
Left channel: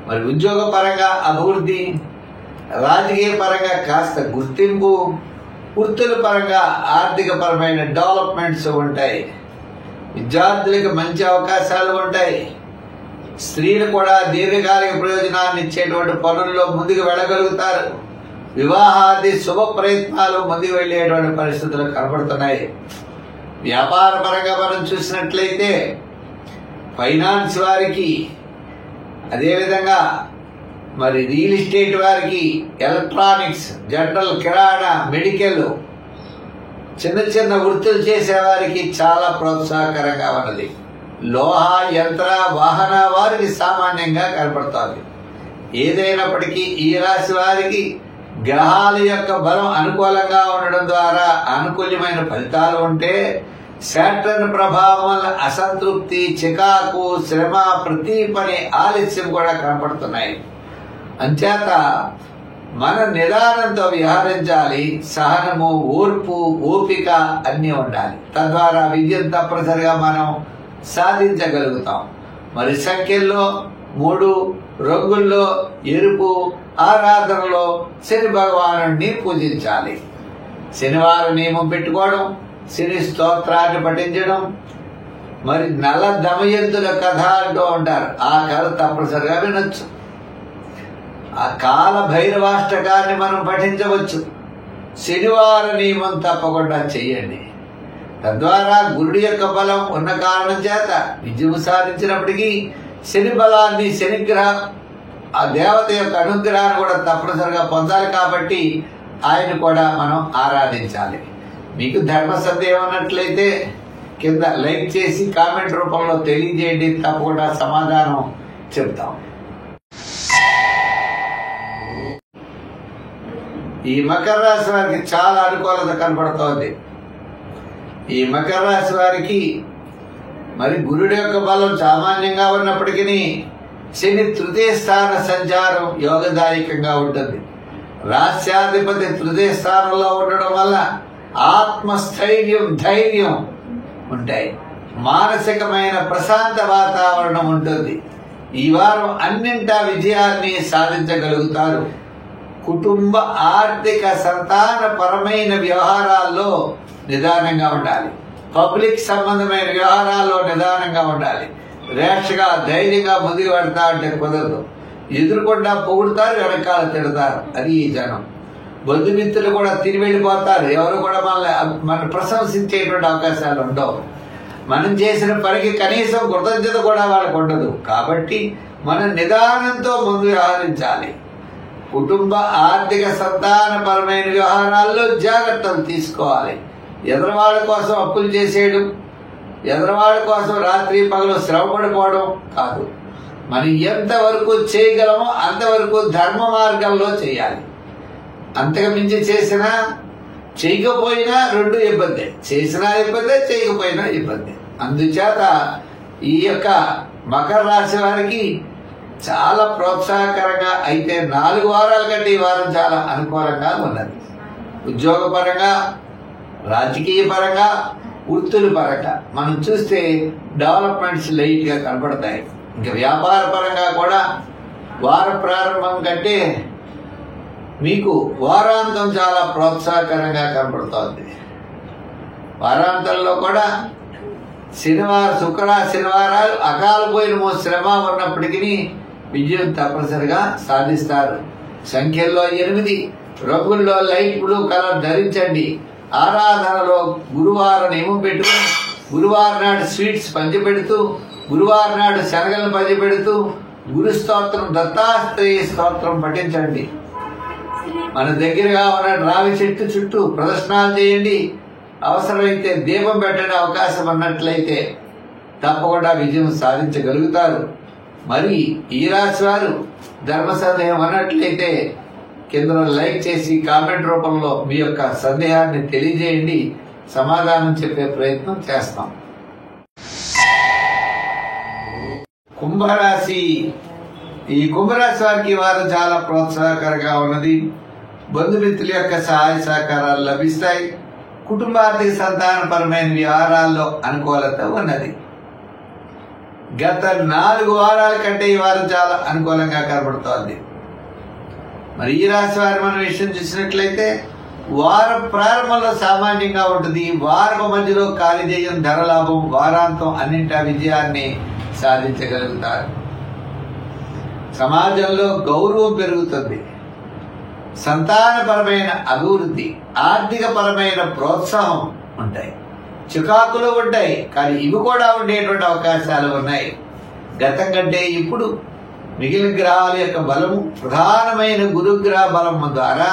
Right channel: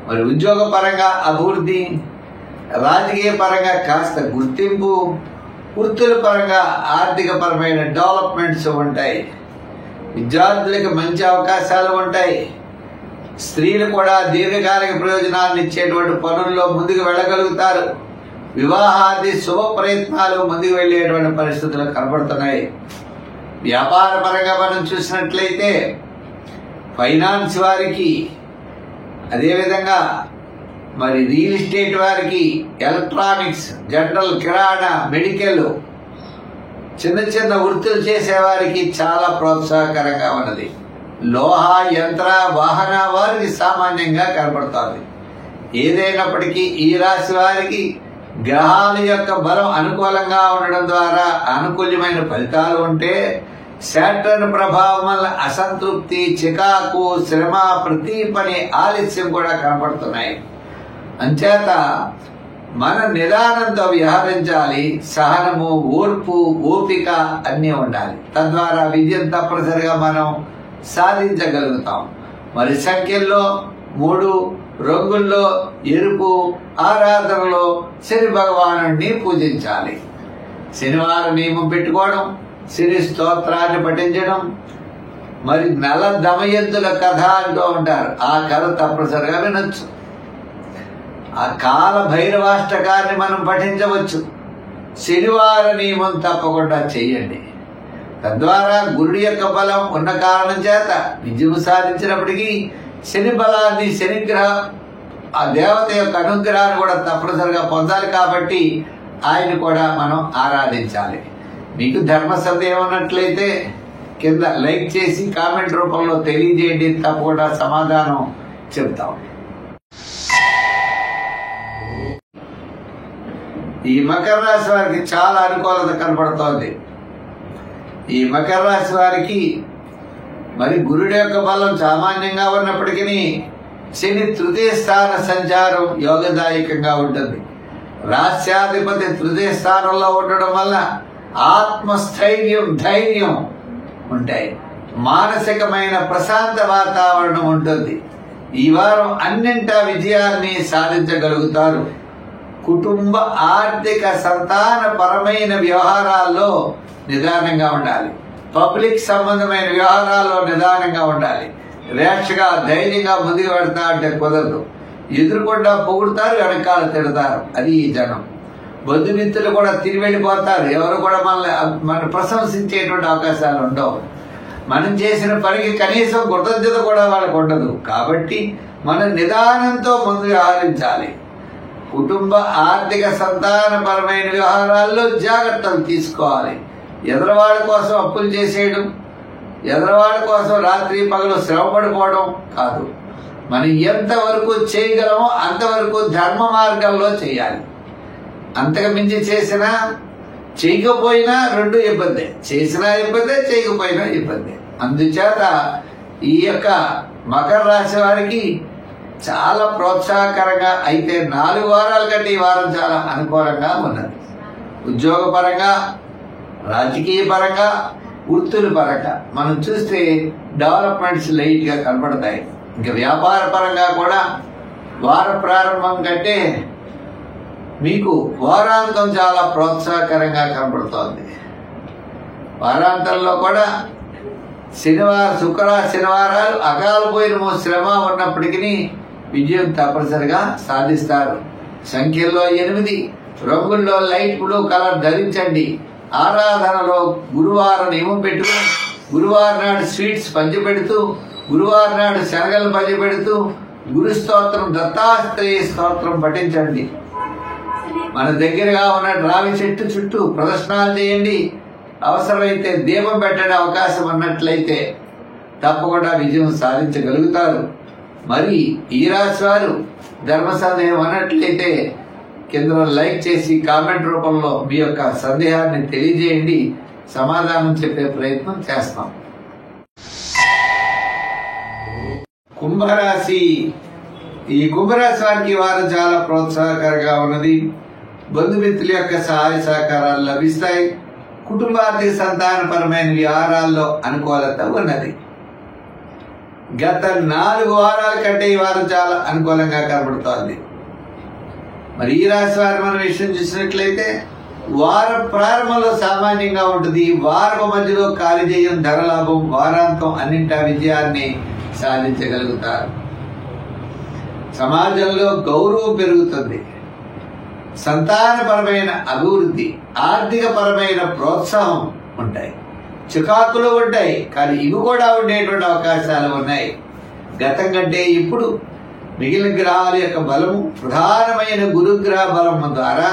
మరి ఉద్యోగ పరంగా అభివృద్ధి, రాజకీయ పరంగా కాస్త గుర్తింపు, వృత్తుల పరంగా ఆర్థిక పరమైన డెవలప్మెంట్స్ ఉంటాయి. విద్యార్థులకు మంచి అవకాశాలు ఉంటాయి. స్త్రీలు కూడా దీర్ఘకాలిక ప్రయోజనాన్ని ఇచ్చేటువంటి పనుల్లో ముందుకు వెళ్ళగలుగుతారు. వివాహాది శుభ ప్రయత్నాలు ముందుకు వెళ్లేటువంటి పరిస్థితులు కనబడుతున్నాయి. వ్యాపార పరంగా మనం చూసినట్లయితే ఫైనాన్స్ వారికి, అదేవిధంగా మరి రియల్ ఎస్టేట్ వారికి, ఎలక్ట్రానిక్స్, జనరల్, కిరాణా, మెడికల్, చిన్న చిన్న వృత్తులు చేసేవారికి చాలా ప్రోత్సాహకరంగా ఉన్నది. లోహ, యంత్ర, వాహన వారికి సామాన్యంగా కనపడుతుంది. ఏదైనప్పటికీ ఈ రాశి వారికి గ్రహాల యొక్క బలం అనుకూలంగా ఉండడం ద్వారా అనుకూలమైన ఫలితాలు ఉంటే, శాటర్న్ ప్రభావం వల్ల అసంతృప్తి, చికాకు, శ్రమ, ప్రతి పని ఆలస్యం కూడా కనపడుతున్నాయి. అంచేత మన నిదానంతో వ్యవహరించాలి. సహనము, ఓర్పు, ఓపిక అన్నీ ఉండాలి. తద్వారా విజయం తప్పనిసరిగా మనం సాధించగలుగుతాం. మరి సంఖ్యల్లో 3, రంగుల్లో ఎరుపు, ఆరాధనలో శని భగవానుడిని పూజించాలి. శనివారం నియమం పెట్టుకోవడం, శని స్తోత్రాన్ని పఠించడం, మరి నల దమయంతుల కథ అంటూ ఉంటారు. ఆ కథ తప్పనిసరిగా వినొచ్చు. ఆ కాల భైరవాష్టకాన్ని మనం పఠించవచ్చు. శనివార నియమం తప్పకుండా చేయండి. తద్వారా గురుడి యొక్క బలం ఉన్న కారణం చేత విజయం సాధించినప్పటికీ శని బలాన్ని, శనిగ్రహ ఆ దేవత యొక్క అనుగ్రహాన్ని కూడా తప్పనిసరిగా పొందాలి. కాబట్టి ఆయన కూడా మనం ఆరాధించాలి. మీకు ధర్మ సందేహం ఉన్నట్లయితే కింద లైక్ చేసి కామెంట్ రూపంలో తెలియజేయండి. తప్పకుండా సమాధానం చెప్తాం. ఈ మకర రాశి వారికి చాలా అనుకూలత కనపడుతోంది. ఈ మకర రాశి వారికి మరి గురుడి యొక్క బలం సామాన్యంగా ఉన్నప్పటికీ శని తృతీయ స్థాన సంచారం యోగదాయకంగా ఉంటుంది. రాస్యాధిపతి తృతీయ స్థానంలో ఉండడం వల్ల ఆత్మస్థైర్యం, ధైర్యం ఉంటాయి. మానసికమైన ప్రశాంత వాతావరణం ఉంటుంది. ఈ వారం అన్నింటా విజయాన్ని సాధించగలుగుతారు. కుటుంబ, ఆర్థిక, సంతాన పరమైన వ్యవహారాల్లో నిదానంగా ఉండాలి. పబ్లిక్ సంబంధమైన వ్యవహారాల్లో నిదానంగా ఉండాలి. రేషగా, ధైర్యంగా ముందుకు పెడతా అంటే కుదరదు. ఎదురుకుండా పొగుడుతారు, వెనకాల తిడతారు. అది ఈ జనం. బంధుమిత్రులు కూడా తిరిగి వెళ్ళిపోతారు. ఎవరు కూడా మన ప్రశంసించేటువంటి అవకాశాలు ఉండవు. మనం చేసిన పనికి కనీసం కృతజ్ఞత కూడా వాళ్ళకు ఉండదు. కాబట్టి మనం నిదానంతో ముందు వ్యవహరించాలి. కుటుంబ, ఆర్థిక, సంతానపరమైన వ్యవహారాల్లో జాగ్రత్తలు తీసుకోవాలి. ఎదరవాళ్ళ కోసం అప్పులు చేసేయడం, ఎదరవాళ్ళ కోసం రాత్రి పగలు శ్రమపడిపోవడం కాదు. మనం ఎంతవరకు చేయగలమో అంతవరకు ధర్మ మార్గంలో చేయాలి. అంతకు మించి చేసినా చేయకపోయినా రెండు ఇబ్బందే. చేసినా ఇబ్బందే, చేయకపోయినా ఇబ్బందే. అందుచేత ఈ యొక్క మకర రాశి వారికి చాలా ప్రోత్సాహకరంగా, అయితే 4 వారాల కంటే ఈ వారం చాలా అనుకూలంగా ఉన్నది. ఉద్యోగపరంగా, రాజకీయ పరంగా, వృత్తుల పరంగా మనం చూస్తే డెవలప్మెంట్స్ లైట్ గా కనపడతాయి. ఇంకా వ్యాపార పరంగా కూడా వార ప్రారంభం కంటే మీకు వారాంతం చాలా ప్రోత్సాహకరంగా కనపడుతోంది. వారాంతంలో కూడా శనివారాలు అకాల పోయిన శ్రమ ఉన్నప్పటికీ విజయం తప్పనిసరిగా సాధిస్తారు. సంఖ్యల్లో 8, రంగుల్లో లైట్ బ్లూ కలర్ ధరించండి. ఆరాధనలో గురువారం నియమం పెట్టుకుని గురువారం నాడు స్వీట్స్ పంచిపెడుతూ, గురువారం నాడు శనగలు పంచిపెడుతూ గురు స్తోత్రం, దత్తాత్రేయ స్తోత్రం పఠించండి. మన దగ్గరగా ఉన్న రావి చెట్టు చుట్టూ ప్రదర్శనలు చేయండి. అవసరమైతే దీపం పెట్టడే అవకాశం ఉన్నట్లయితే తప్పకుండా విజయం సాధించగలుగుతారు. మరి ఈ రాశి వారు ధర్మ సందేహం అన్నట్లయితే కింద లైక్ చేసి కామెంట్ రూపంలో మీ యొక్క సందేహాన్ని తెలియజేయండి. సమాధానం చెప్పే ప్రయత్నం చేస్తాం. కుంభరాశి. ఈ కుంభరాశి వారికి వారం చాలా ప్రోత్సాహకరంగా ఉన్నది. బంధుమిత్రుల యొక్క సహాయ సహకారాలు లభిస్తాయి. కుటుంబార్థిక, సంతానపరమైన వ్యవహారాల్లో అనుకూలత ఉన్నది. గత 4 వారాల కంటే ఈ వారం చాలా అనుకూలంగా కనబడుతోంది. మరి ఈ రాశి వారి మన విషయం చూసినట్లయితే వారం ప్రారంభంలో సామాన్యంగా ఉంటుంది. వారం మధ్యలో కార్యజయం, ధనలాభం, వారాంతం అన్నింటా విజయాన్ని సాధించగలుగుతారు. సమాజంలో గౌరవం పెరుగుతుంది. సంతానపరమైన అభివృద్ధి, ఆర్థిక పరమైన ప్రోత్సాహం ఉంటాయి. చికాకులు ఉంటాయి, కానీ ఇవి కూడా ఉండేటువంటి అవకాశాలు ఉన్నాయి. గతం కంటే ఇప్పుడు మిగిలిన గ్రహాల యొక్క బలము, ప్రధానమైన గురుగ్రహ బలం ద్వారా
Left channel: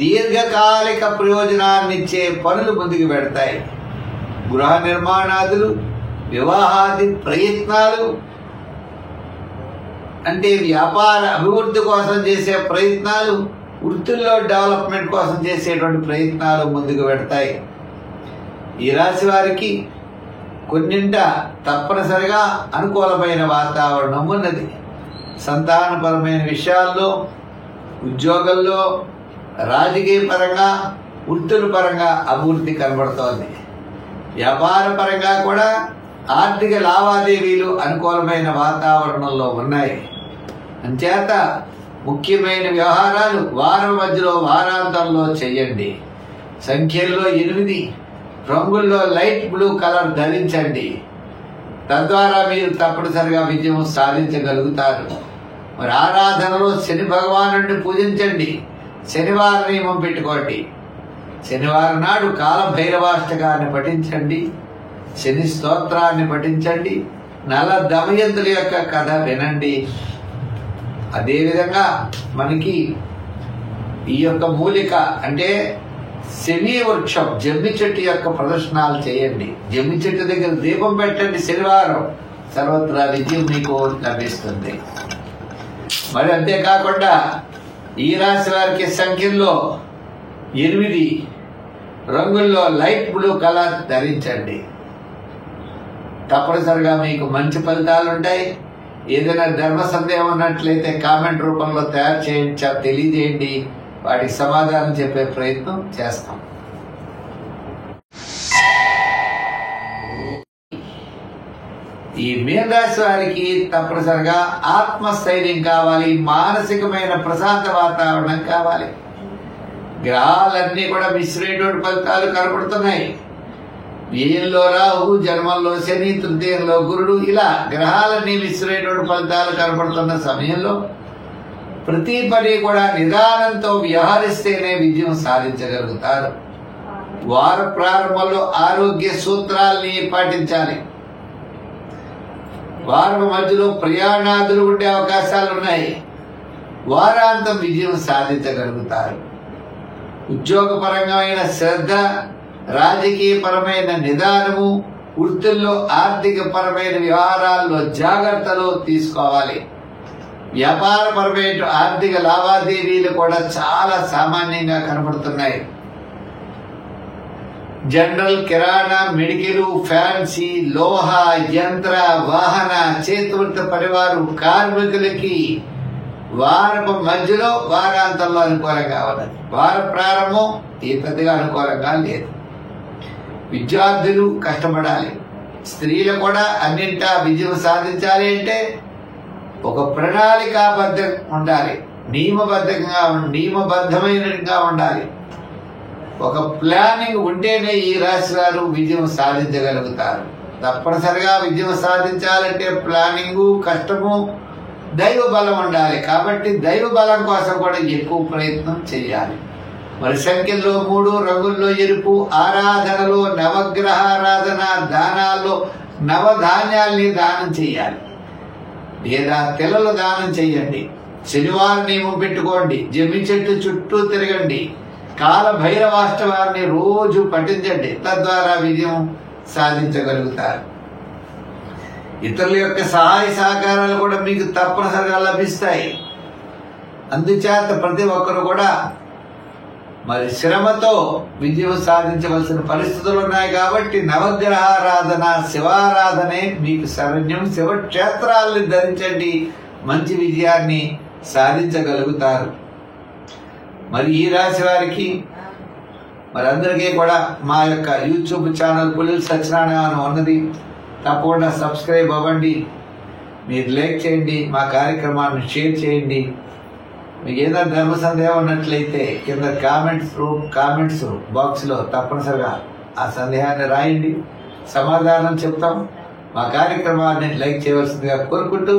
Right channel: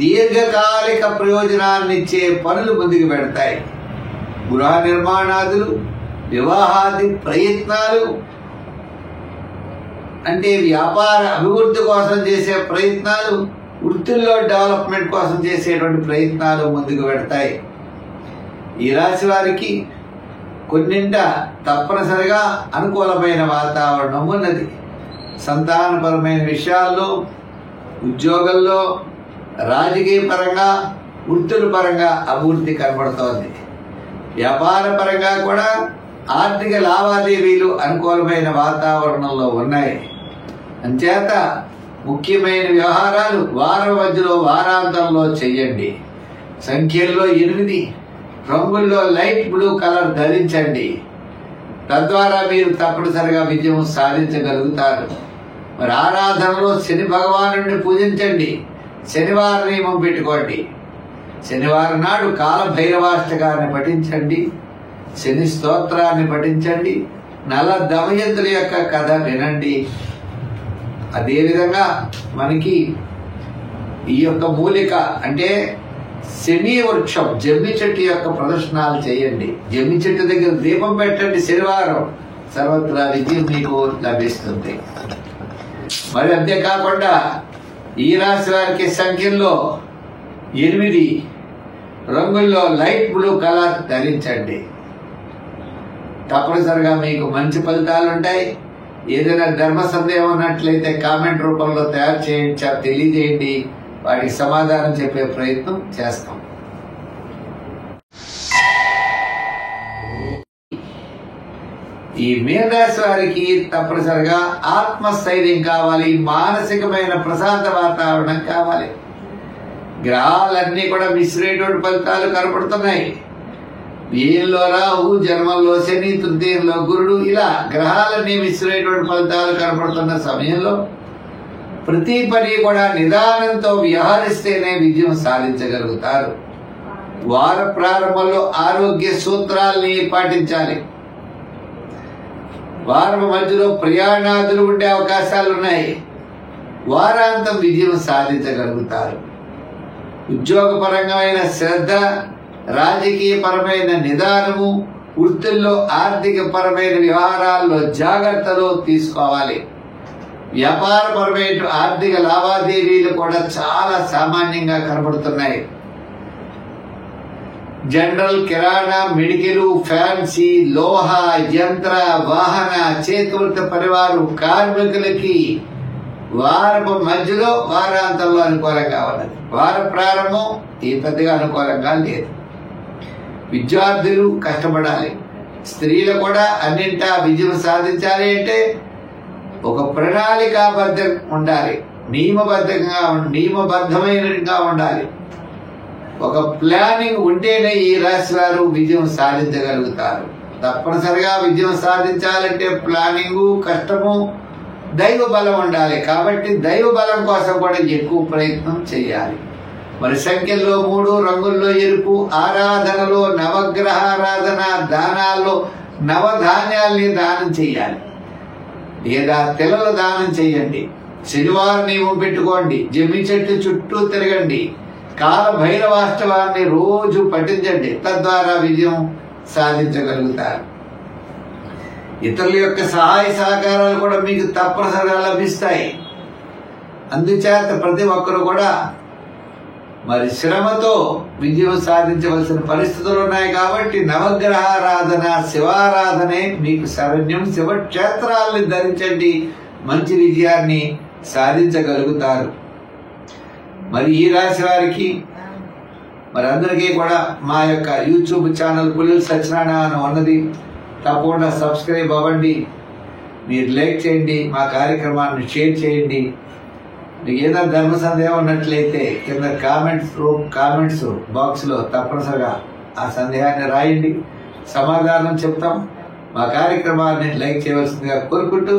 దీర్ఘకాలిక ప్రయోజనాన్నిచ్చే పనులు ముందుకు పెడతాయి. గృహ నిర్మాణాదులు, వివాహాది ప్రయత్నాలు, అంటే వ్యాపార అభివృద్ధి కోసం చేసే ప్రయత్నాలు, వృత్తుల్లో డెవలప్మెంట్ కోసం చేసేటువంటి ప్రయత్నాలు ముందుకు పెడతాయి. ఈ రాశి వారికి కొన్నింట తప్పనిసరిగా అనుకూలమైన వాతావరణం ఉన్నది. సంతానపరమైన విషయాల్లో, ఉద్యోగంలో, రాజకీయ పరంగా, వృత్తుల పరంగా అభివృద్ధి కనబడుతోంది. వ్యాపార పరంగా కూడా ఆర్థిక లావాదేవీలు అనుకూలమైన వాతావరణంలో ఉన్నాయి. అంచేత ముఖ్యమైన వ్యవహారాలు వారం మధ్యలో, వారాంతంలో చెయ్యండి. సంఖ్యల్లో 8, రంగుల్లో లైట్ బ్లూ కలర్ ధరించండి. తద్వారా మీరు తప్పనిసరిగా విజయం సాధించగలుగుతారు. మరి ఆరాధనలో శని భగవానుడిని పూజించండి. శనివారం నియమం పెట్టుకోండి. శనివారం నాడు కాలభైరవాష్టకాన్ని పఠించండి, శని స్తోత్రాన్ని పఠించండి, నల దమయంతుల యొక్క కథ వినండి. అదేవిధంగా మనకి ఈ యొక్క మూలిక అంటే శమీ వృక్షం జమ్మి చెట్టు యొక్క ప్రదర్శనాలు చేయండి. జమ్మి చెట్టు దగ్గర దీపం పెట్టండి. శనివారం సర్వత్రా విజయం మీకు లభిస్తుంది. మరి అంతేకాకుండా ఈ రాశి వారికి సంఖ్యల్లో 8 రంగుల్లో లైట్ బ్లూ కలర్ ధరించండి. తప్పనిసరిగా మీకు మంచి ఫలితాలు ఉంటాయి. ఏదైనా ధర్మ సందేహం ఉన్నట్లయితే కామెంట్ రూపంలో తయారు చేయించా తెలియజేయండి. వాటికి సమాధానం చెప్పే ప్రయత్నం చేస్తాం. ఈ మీన రాశి వారికి తప్పనిసరిగా ఆత్మస్థైర్యం కావాలి, మానసికమైన ప్రశాంత వాతావరణం కావాలి. గ్రహాలన్నీ కూడా మిశ్రమైనటువంటి ఫలితాలు కనపడుతున్నాయి. వ్యయంలో రాహు, జన్మంలో శని, తృతీయంలో గురుడు, ఇలా గ్రహాలన్నీ మిశ్రమైనటువంటి ఫలితాలు కనపడుతున్న సమయంలో ప్రతి పని కూడా నిదానంతో వ్యవహరిస్తేనే విజయం సాధించగలుగుతారు. వార ప్రారంభంలో ఆరోగ్య సూత్రాల్ని పాటించాలి. వారం మధ్యలో ప్రయాణాదులు ఉండే అవకాశాలున్నాయి. వారాంతం విజయం సాధించగలుగుతారు. ఉద్యోగపరమైన శ్రద్ధ, రాజకీయపరమైన నిదానము, వృత్తుల్లో ఆర్థిక పరమైన వ్యవహారాల్లో జాగ్రత్తలు తీసుకోవాలి. వ్యాపారపరమైన ఆర్థిక లావాదేవీలు కూడా చాలా సామాన్యంగా కనబడుతున్నాయి. జనరల్, కిరాణా, మెడికల్, ఫ్యాన్సీ, లోహ, యంత్ర, వాహన, చేతివృత్తి పరివారు కార్మికులకి వారపు మధ్యలో వారాంతంలో అనుకూలంగా ఉన్నది. వార ప్రారంభం ఈ పెద్దగా అనుకూలంగా లేదు. విద్యార్థులు కష్టపడాలి. స్త్రీలు కూడా అన్నింటా విజయం సాధించాలి అంటే ఒక ప్రణాళికాబద్ధం ఉండాలి, నియమబద్ధమైనగా ఉండాలి. ఒక ప్లానింగ్ ఉంటేనే ఈ రాశి వారు విజయం సాధించగలుగుతారు. తప్పనిసరిగా విజయం సాధించాలంటే ప్లానింగు, కష్టము, దైవ బలం ఉండాలి. కాబట్టి దైవ బలం కోసం కూడా ఎక్కువ ప్రయత్నం చేయాలి. మరి సంఖ్యల్లో 3, రంగుల్లో ఎరుపు, ఆరాధనలో నవగ్రహ ఆరాధన, దానాల్లో నవధాన్యాల్ని దానం చేయాలి లేదా తెల్లలు దానం చేయండి. శనివారం నియమం పెట్టుకోండి. జమ్మి చెట్టు చుట్టూ తిరగండి. కాల భైరవాష్టవాన్ని రోజు పఠించండి. తద్వారా విజయం సాధించగలుగుతారు. ఇతరుల యొక్క సహాయ సహకారాలు కూడా మీకు తప్పనిసరిగా లభిస్తాయి. అందుచేత ప్రతి ఒక్కరు కూడా మరి శ్రమతో విజయం సాధించవలసిన పరిస్థితులు ఉన్నాయి. కాబట్టి నవగ్రహారాధన, శివారాధనే మీకు శరణ్యం. శివక్షేత్రాలను ధరించండి, మంచి విజయాన్ని సాధించగలుగుతారు. మరి ఈ రాశి వారికి మరి అందరికీ కూడా మా యొక్క యూట్యూబ్ ఛానల్ పుల్లెల సత్యనారాయణ ఉన్నది. తప్పకుండా సబ్స్క్రైబ్ అవ్వండి. మీరు లైక్ చేయండి, మా కార్యక్రమాన్ని షేర్ చేయండి. మీకు ఏదైనా ధర్మ సందేహం ఉన్నట్లయితే కింద కామెంట్స్ బాక్స్ లో తప్పనిసరిగా ఆ సందేహాన్ని రాయండి, సమాధానం చెప్తాం. మా కార్యక్రమాన్ని లైక్ చేయవలసిందిగా కోరుకుంటూ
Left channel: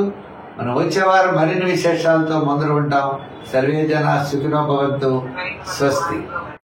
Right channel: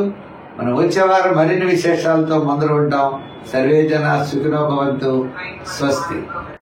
మనం వచ్చే వారం మరిన్ని విశేషాలతో ముందర ఉంటాం. సర్వే జన సుఖినో భవంతు. స్వస్తి.